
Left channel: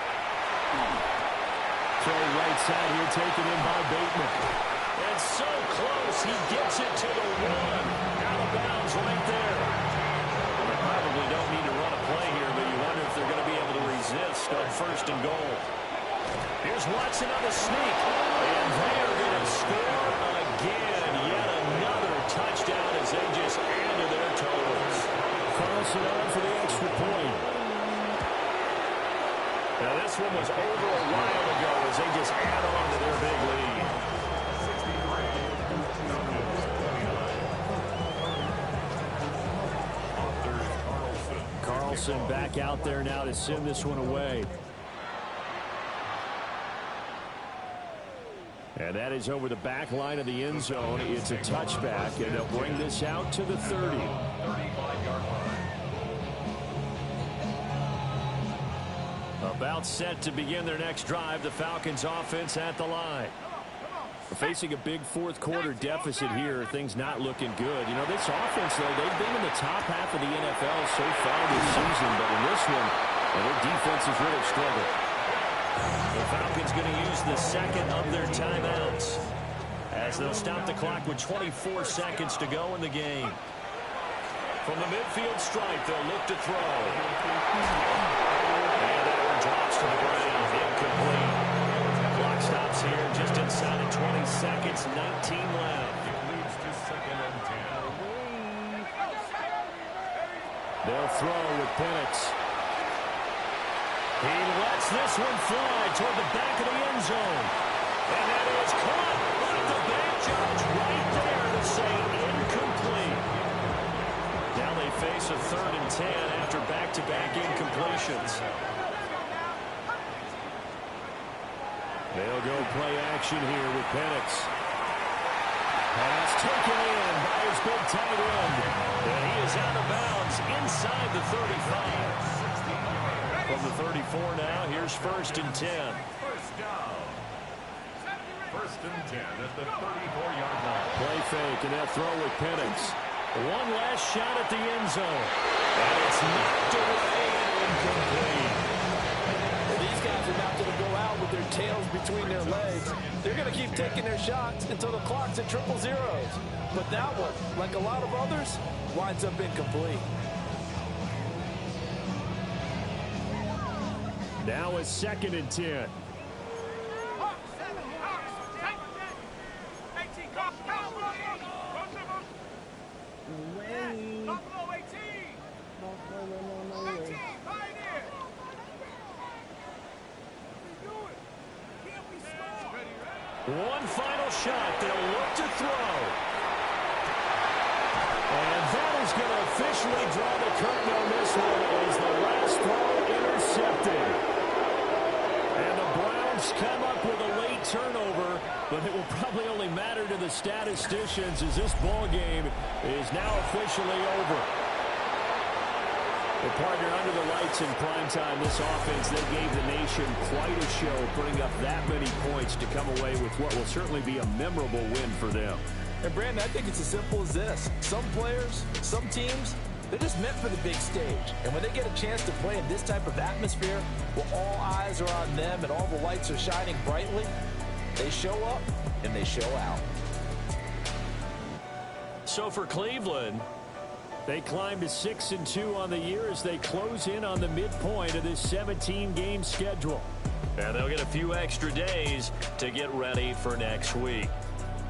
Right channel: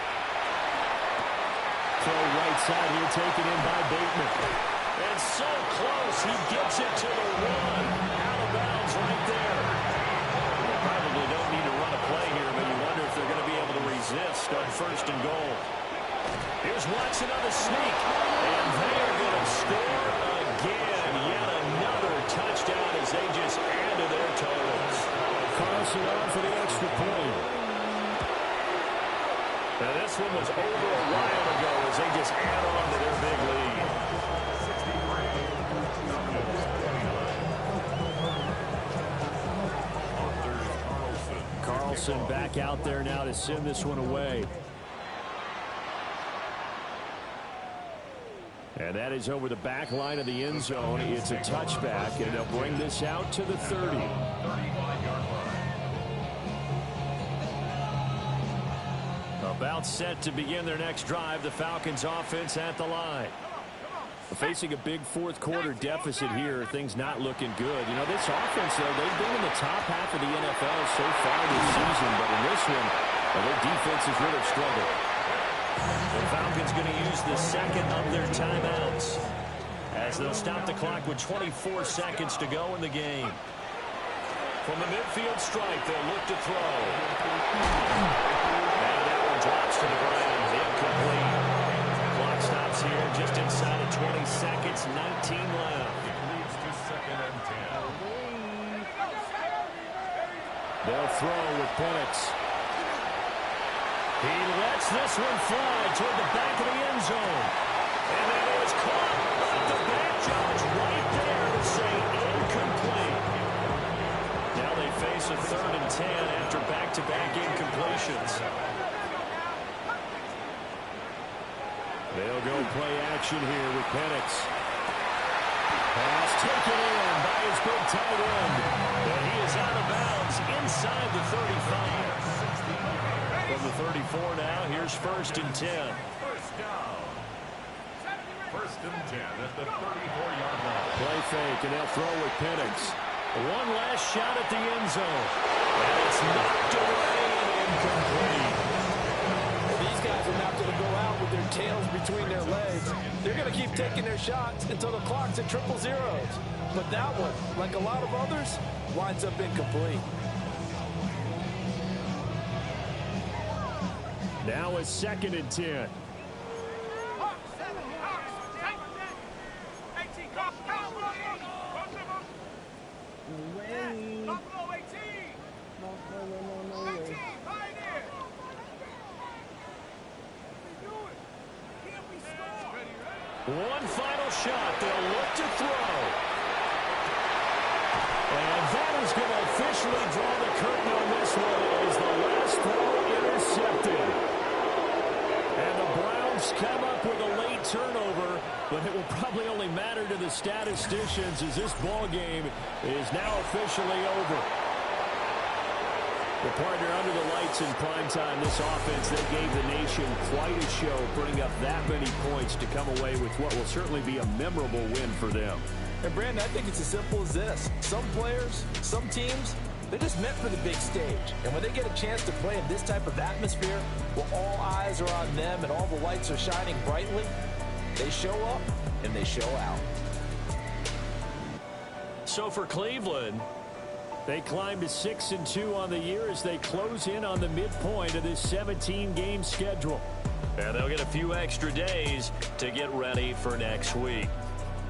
Throw right side here, taken in by Bateman. And so close, he gets it to the one. Out of bounds right there. They probably don't need to run a play here, but you wonder if they're going to be able to resist on 1st and goal. Here's Watson on the sneak, and they are going to score again. Yet another touchdown as they just add to their totals. Carlson on for the extra point. Now this one was over a while ago as they just add on to their big lead. Carlson back out there now to send this one away. And that is over the back line of the end zone. It's a touchback, and they'll bring this out to the 30. 35-yard line. About set to begin their next drive, the Falcons offense at the line. Facing a big fourth quarter deficit here, things not looking good. You know, this offense, though, they've been in the top half of the NFL so far this season, but in this one, their defense has really struggled. The Falcons going to use the second of their timeouts as they'll stop the clock with 24 seconds to go in the game. From the midfield stripe, they'll look to throw. And that one drops to the ground. Incomplete. Clock stops here just inside of 20 seconds. 19 left. It leads to 2nd and 10. They'll throw with Penix. He lets this one fly toward the back of the end zone. And that is caught by the back judge right there to say incomplete. Now they face a 3rd and 10 after back-to-back incompletions. They'll go play action here with Penix. Pass taken in by his big tight end. And he is out of bounds inside the 35. From the 34 now, here's 1st and 10. First down. 1st and 10 at the 34-yard line. Play fake, and they'll throw with Penix. One last shot at the end zone. And it's knocked away and incomplete. Well, these guys are not going to go out with their tails between their legs. They're going to keep taking their shots until the clock's at 000. But that one, like a lot of others, winds up incomplete. Now a 2nd and 10. One final shot. They'll look to throw. And that is going to officially draw the curtain on this one as the last throw intercepted. And the Browns come up with a late turnover, but it will probably only matter to the statisticians as this ball game is now officially over. The partner under the lights in primetime, this offense, they gave the nation quite a show, putting up that many points to come away with what will certainly be a memorable win for them. And Brandon, I think it's as simple as this. Some players, some teams, they're just meant for the big stage. And when they get a chance to play in this type of atmosphere, where all eyes are on them and all the lights are shining brightly, they show up and they show out. So for Cleveland, they climb to 6-2 on the year as they close in on the midpoint of this 17-game schedule. and they'll get a few extra days to get ready for next week.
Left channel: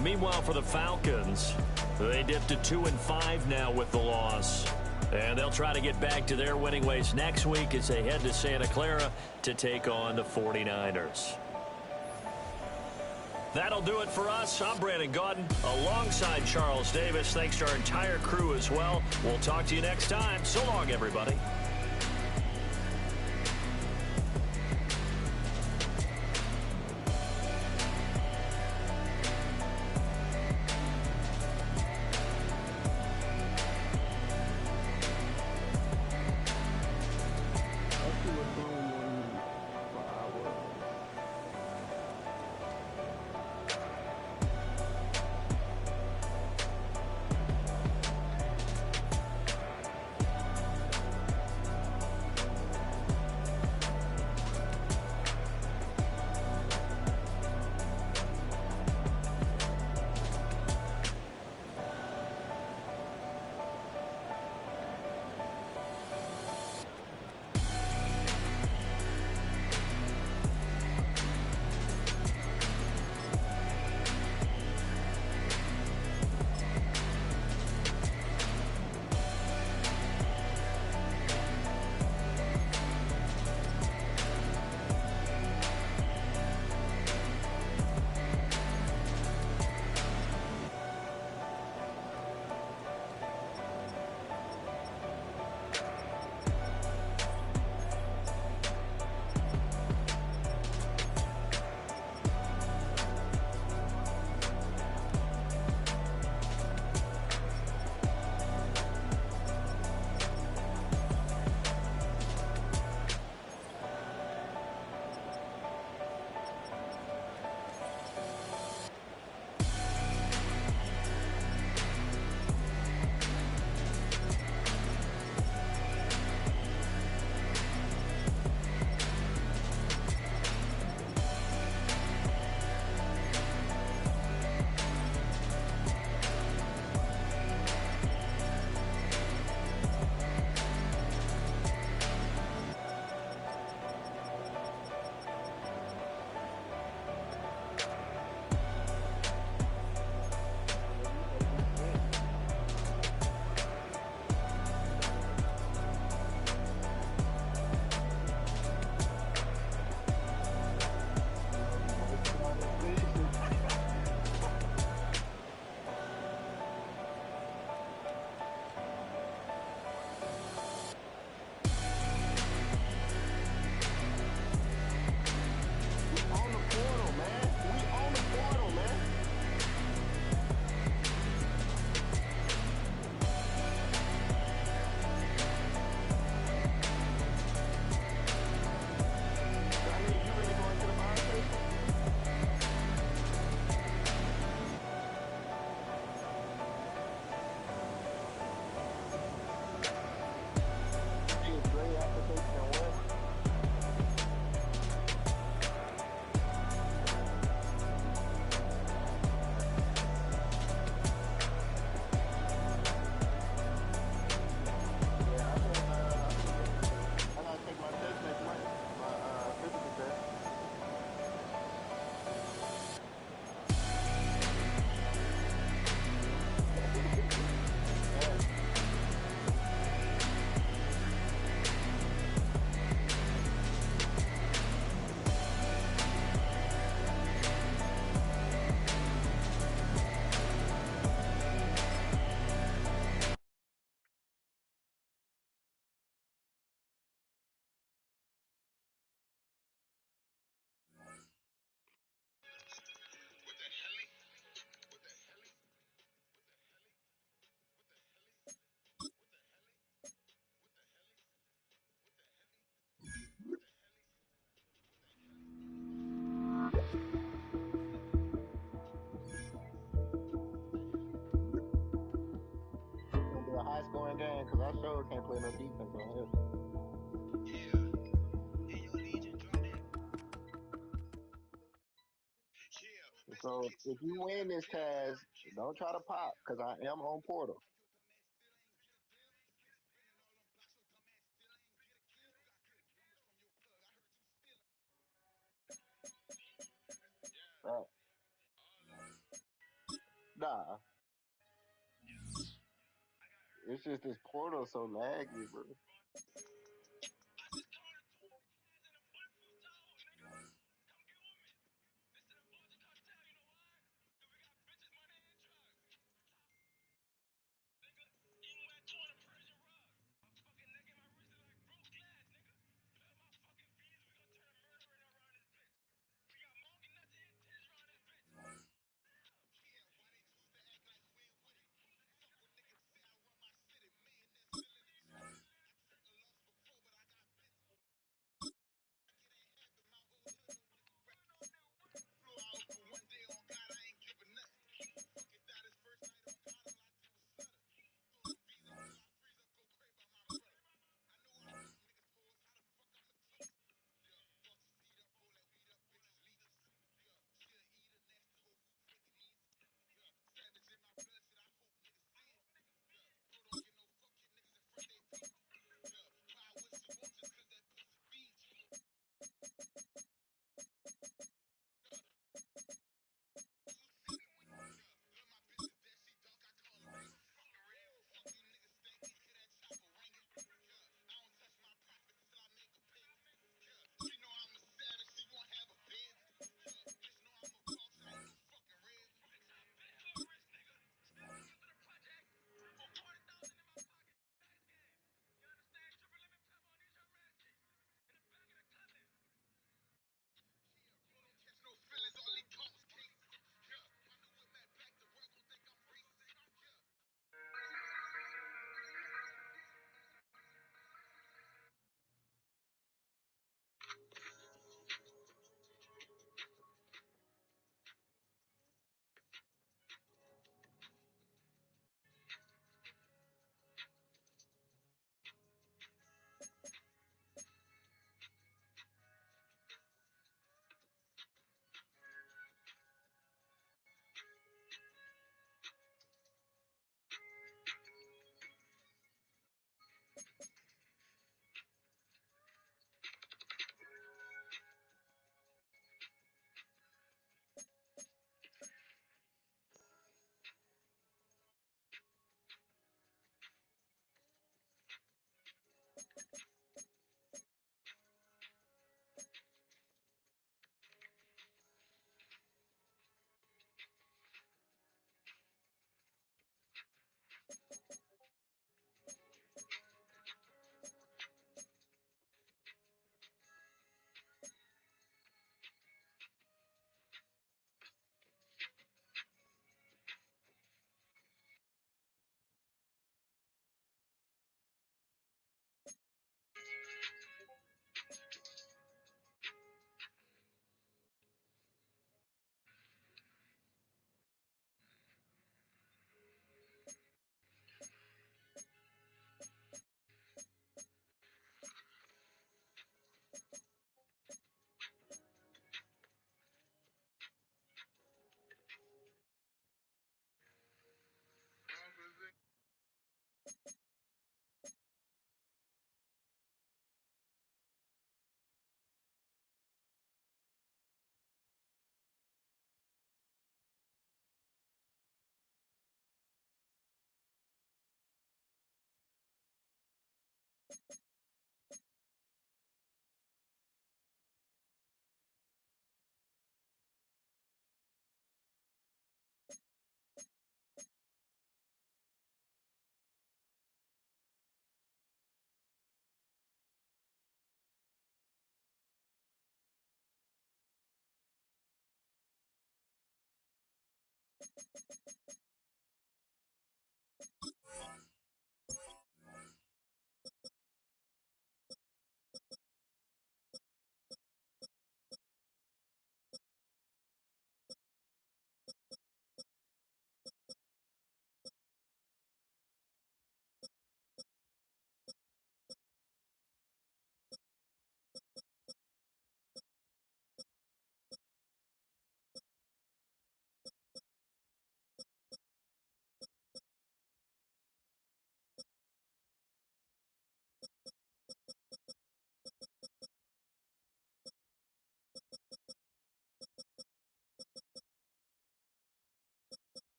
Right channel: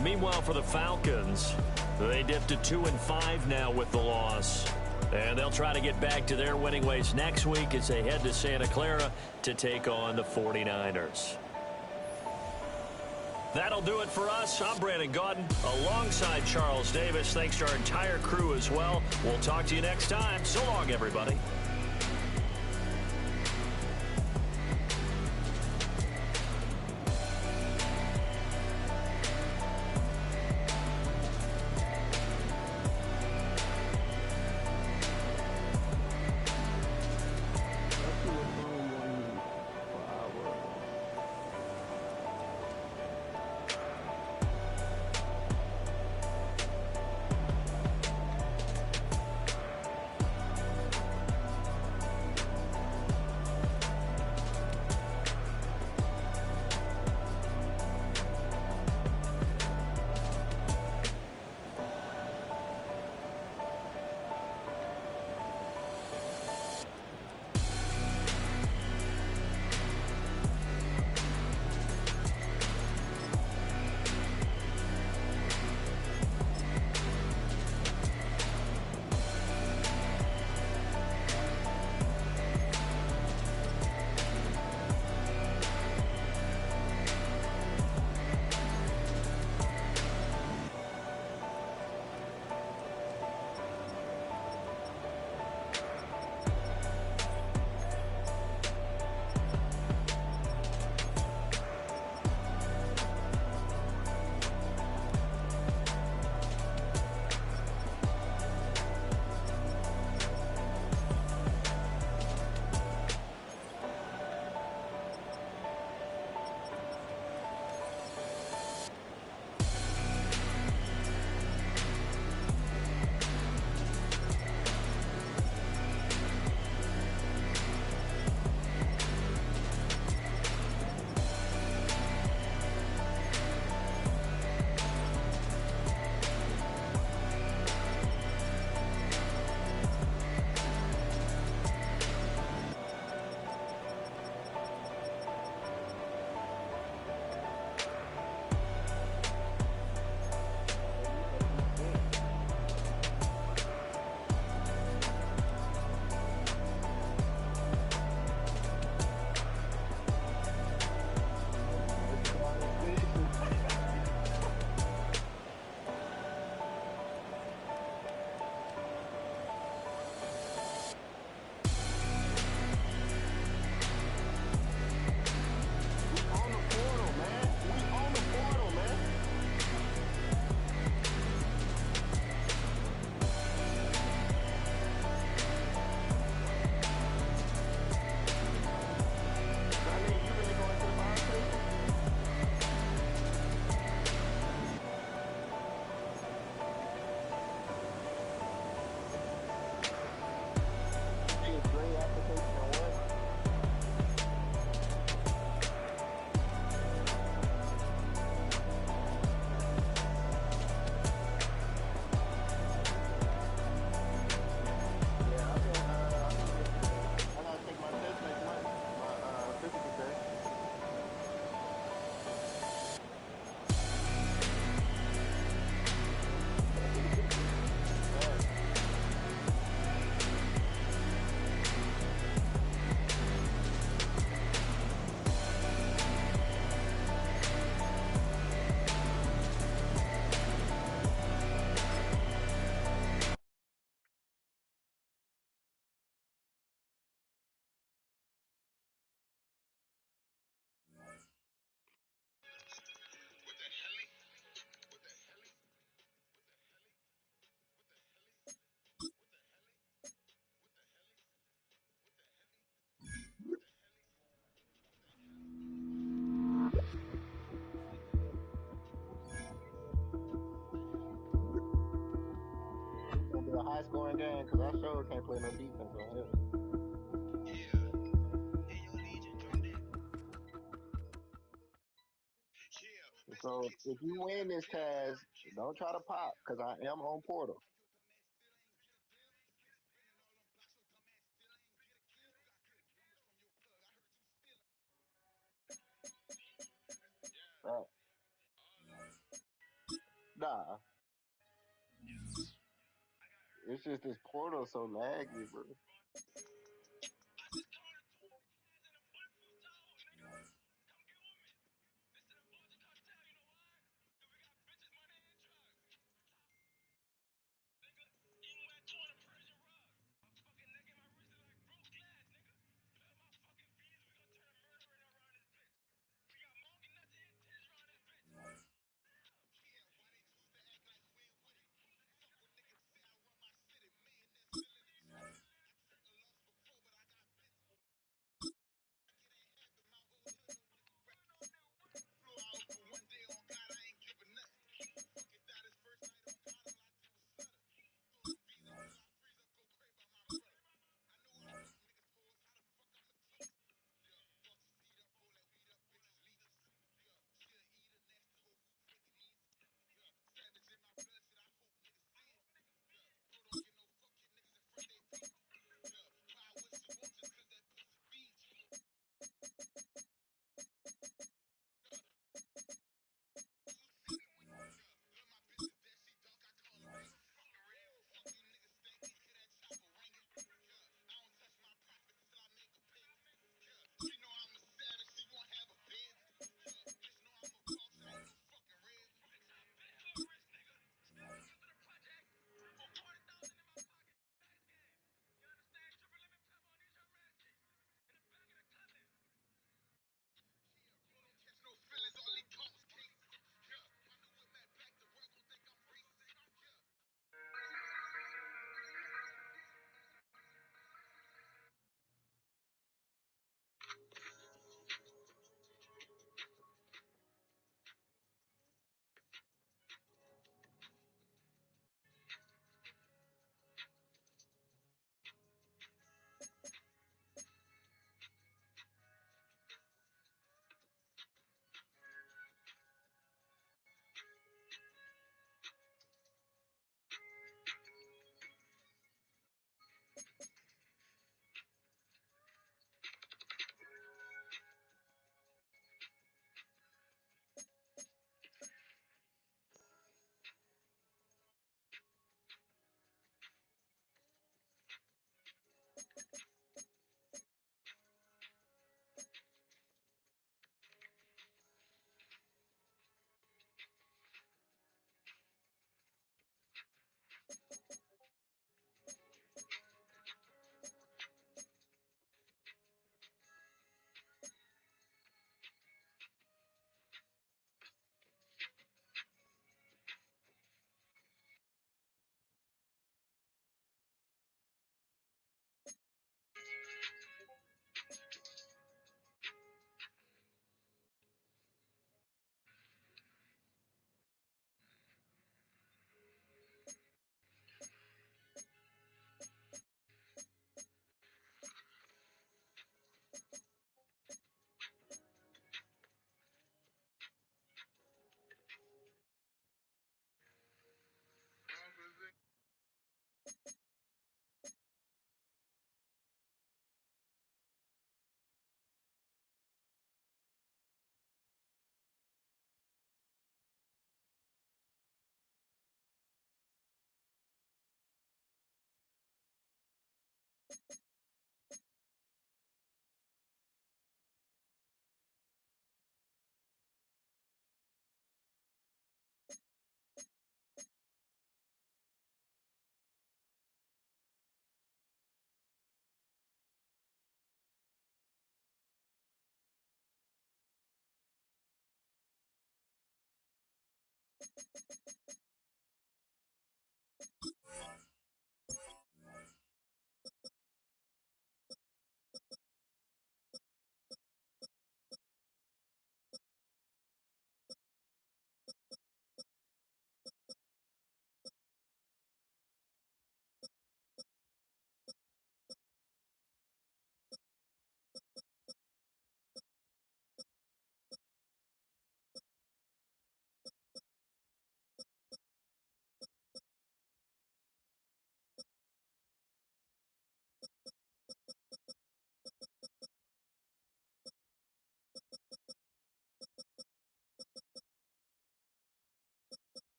Meanwhile, for the Falcons, they dipped to 2-5 now with the loss. And they'll try to get back to their winning ways next week as they head to Santa Clara to take on the 49ers. That'll do it for us. I'm Brandon Gaudin alongside Charles Davis. Thanks to our entire crew as well. We'll talk to you next time. So long, everybody. is grade application and what? Yeah, I gotta take my test next month, my physical test. Yeah. It's gonna be a high scoring game because I sure can't play no defense on here. So if you win this task, don't try to pop because I am on Portal. Uh, nah, it's just this Portal so laggy, bro.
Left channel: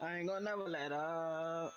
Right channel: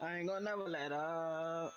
I ain't gonna never let up.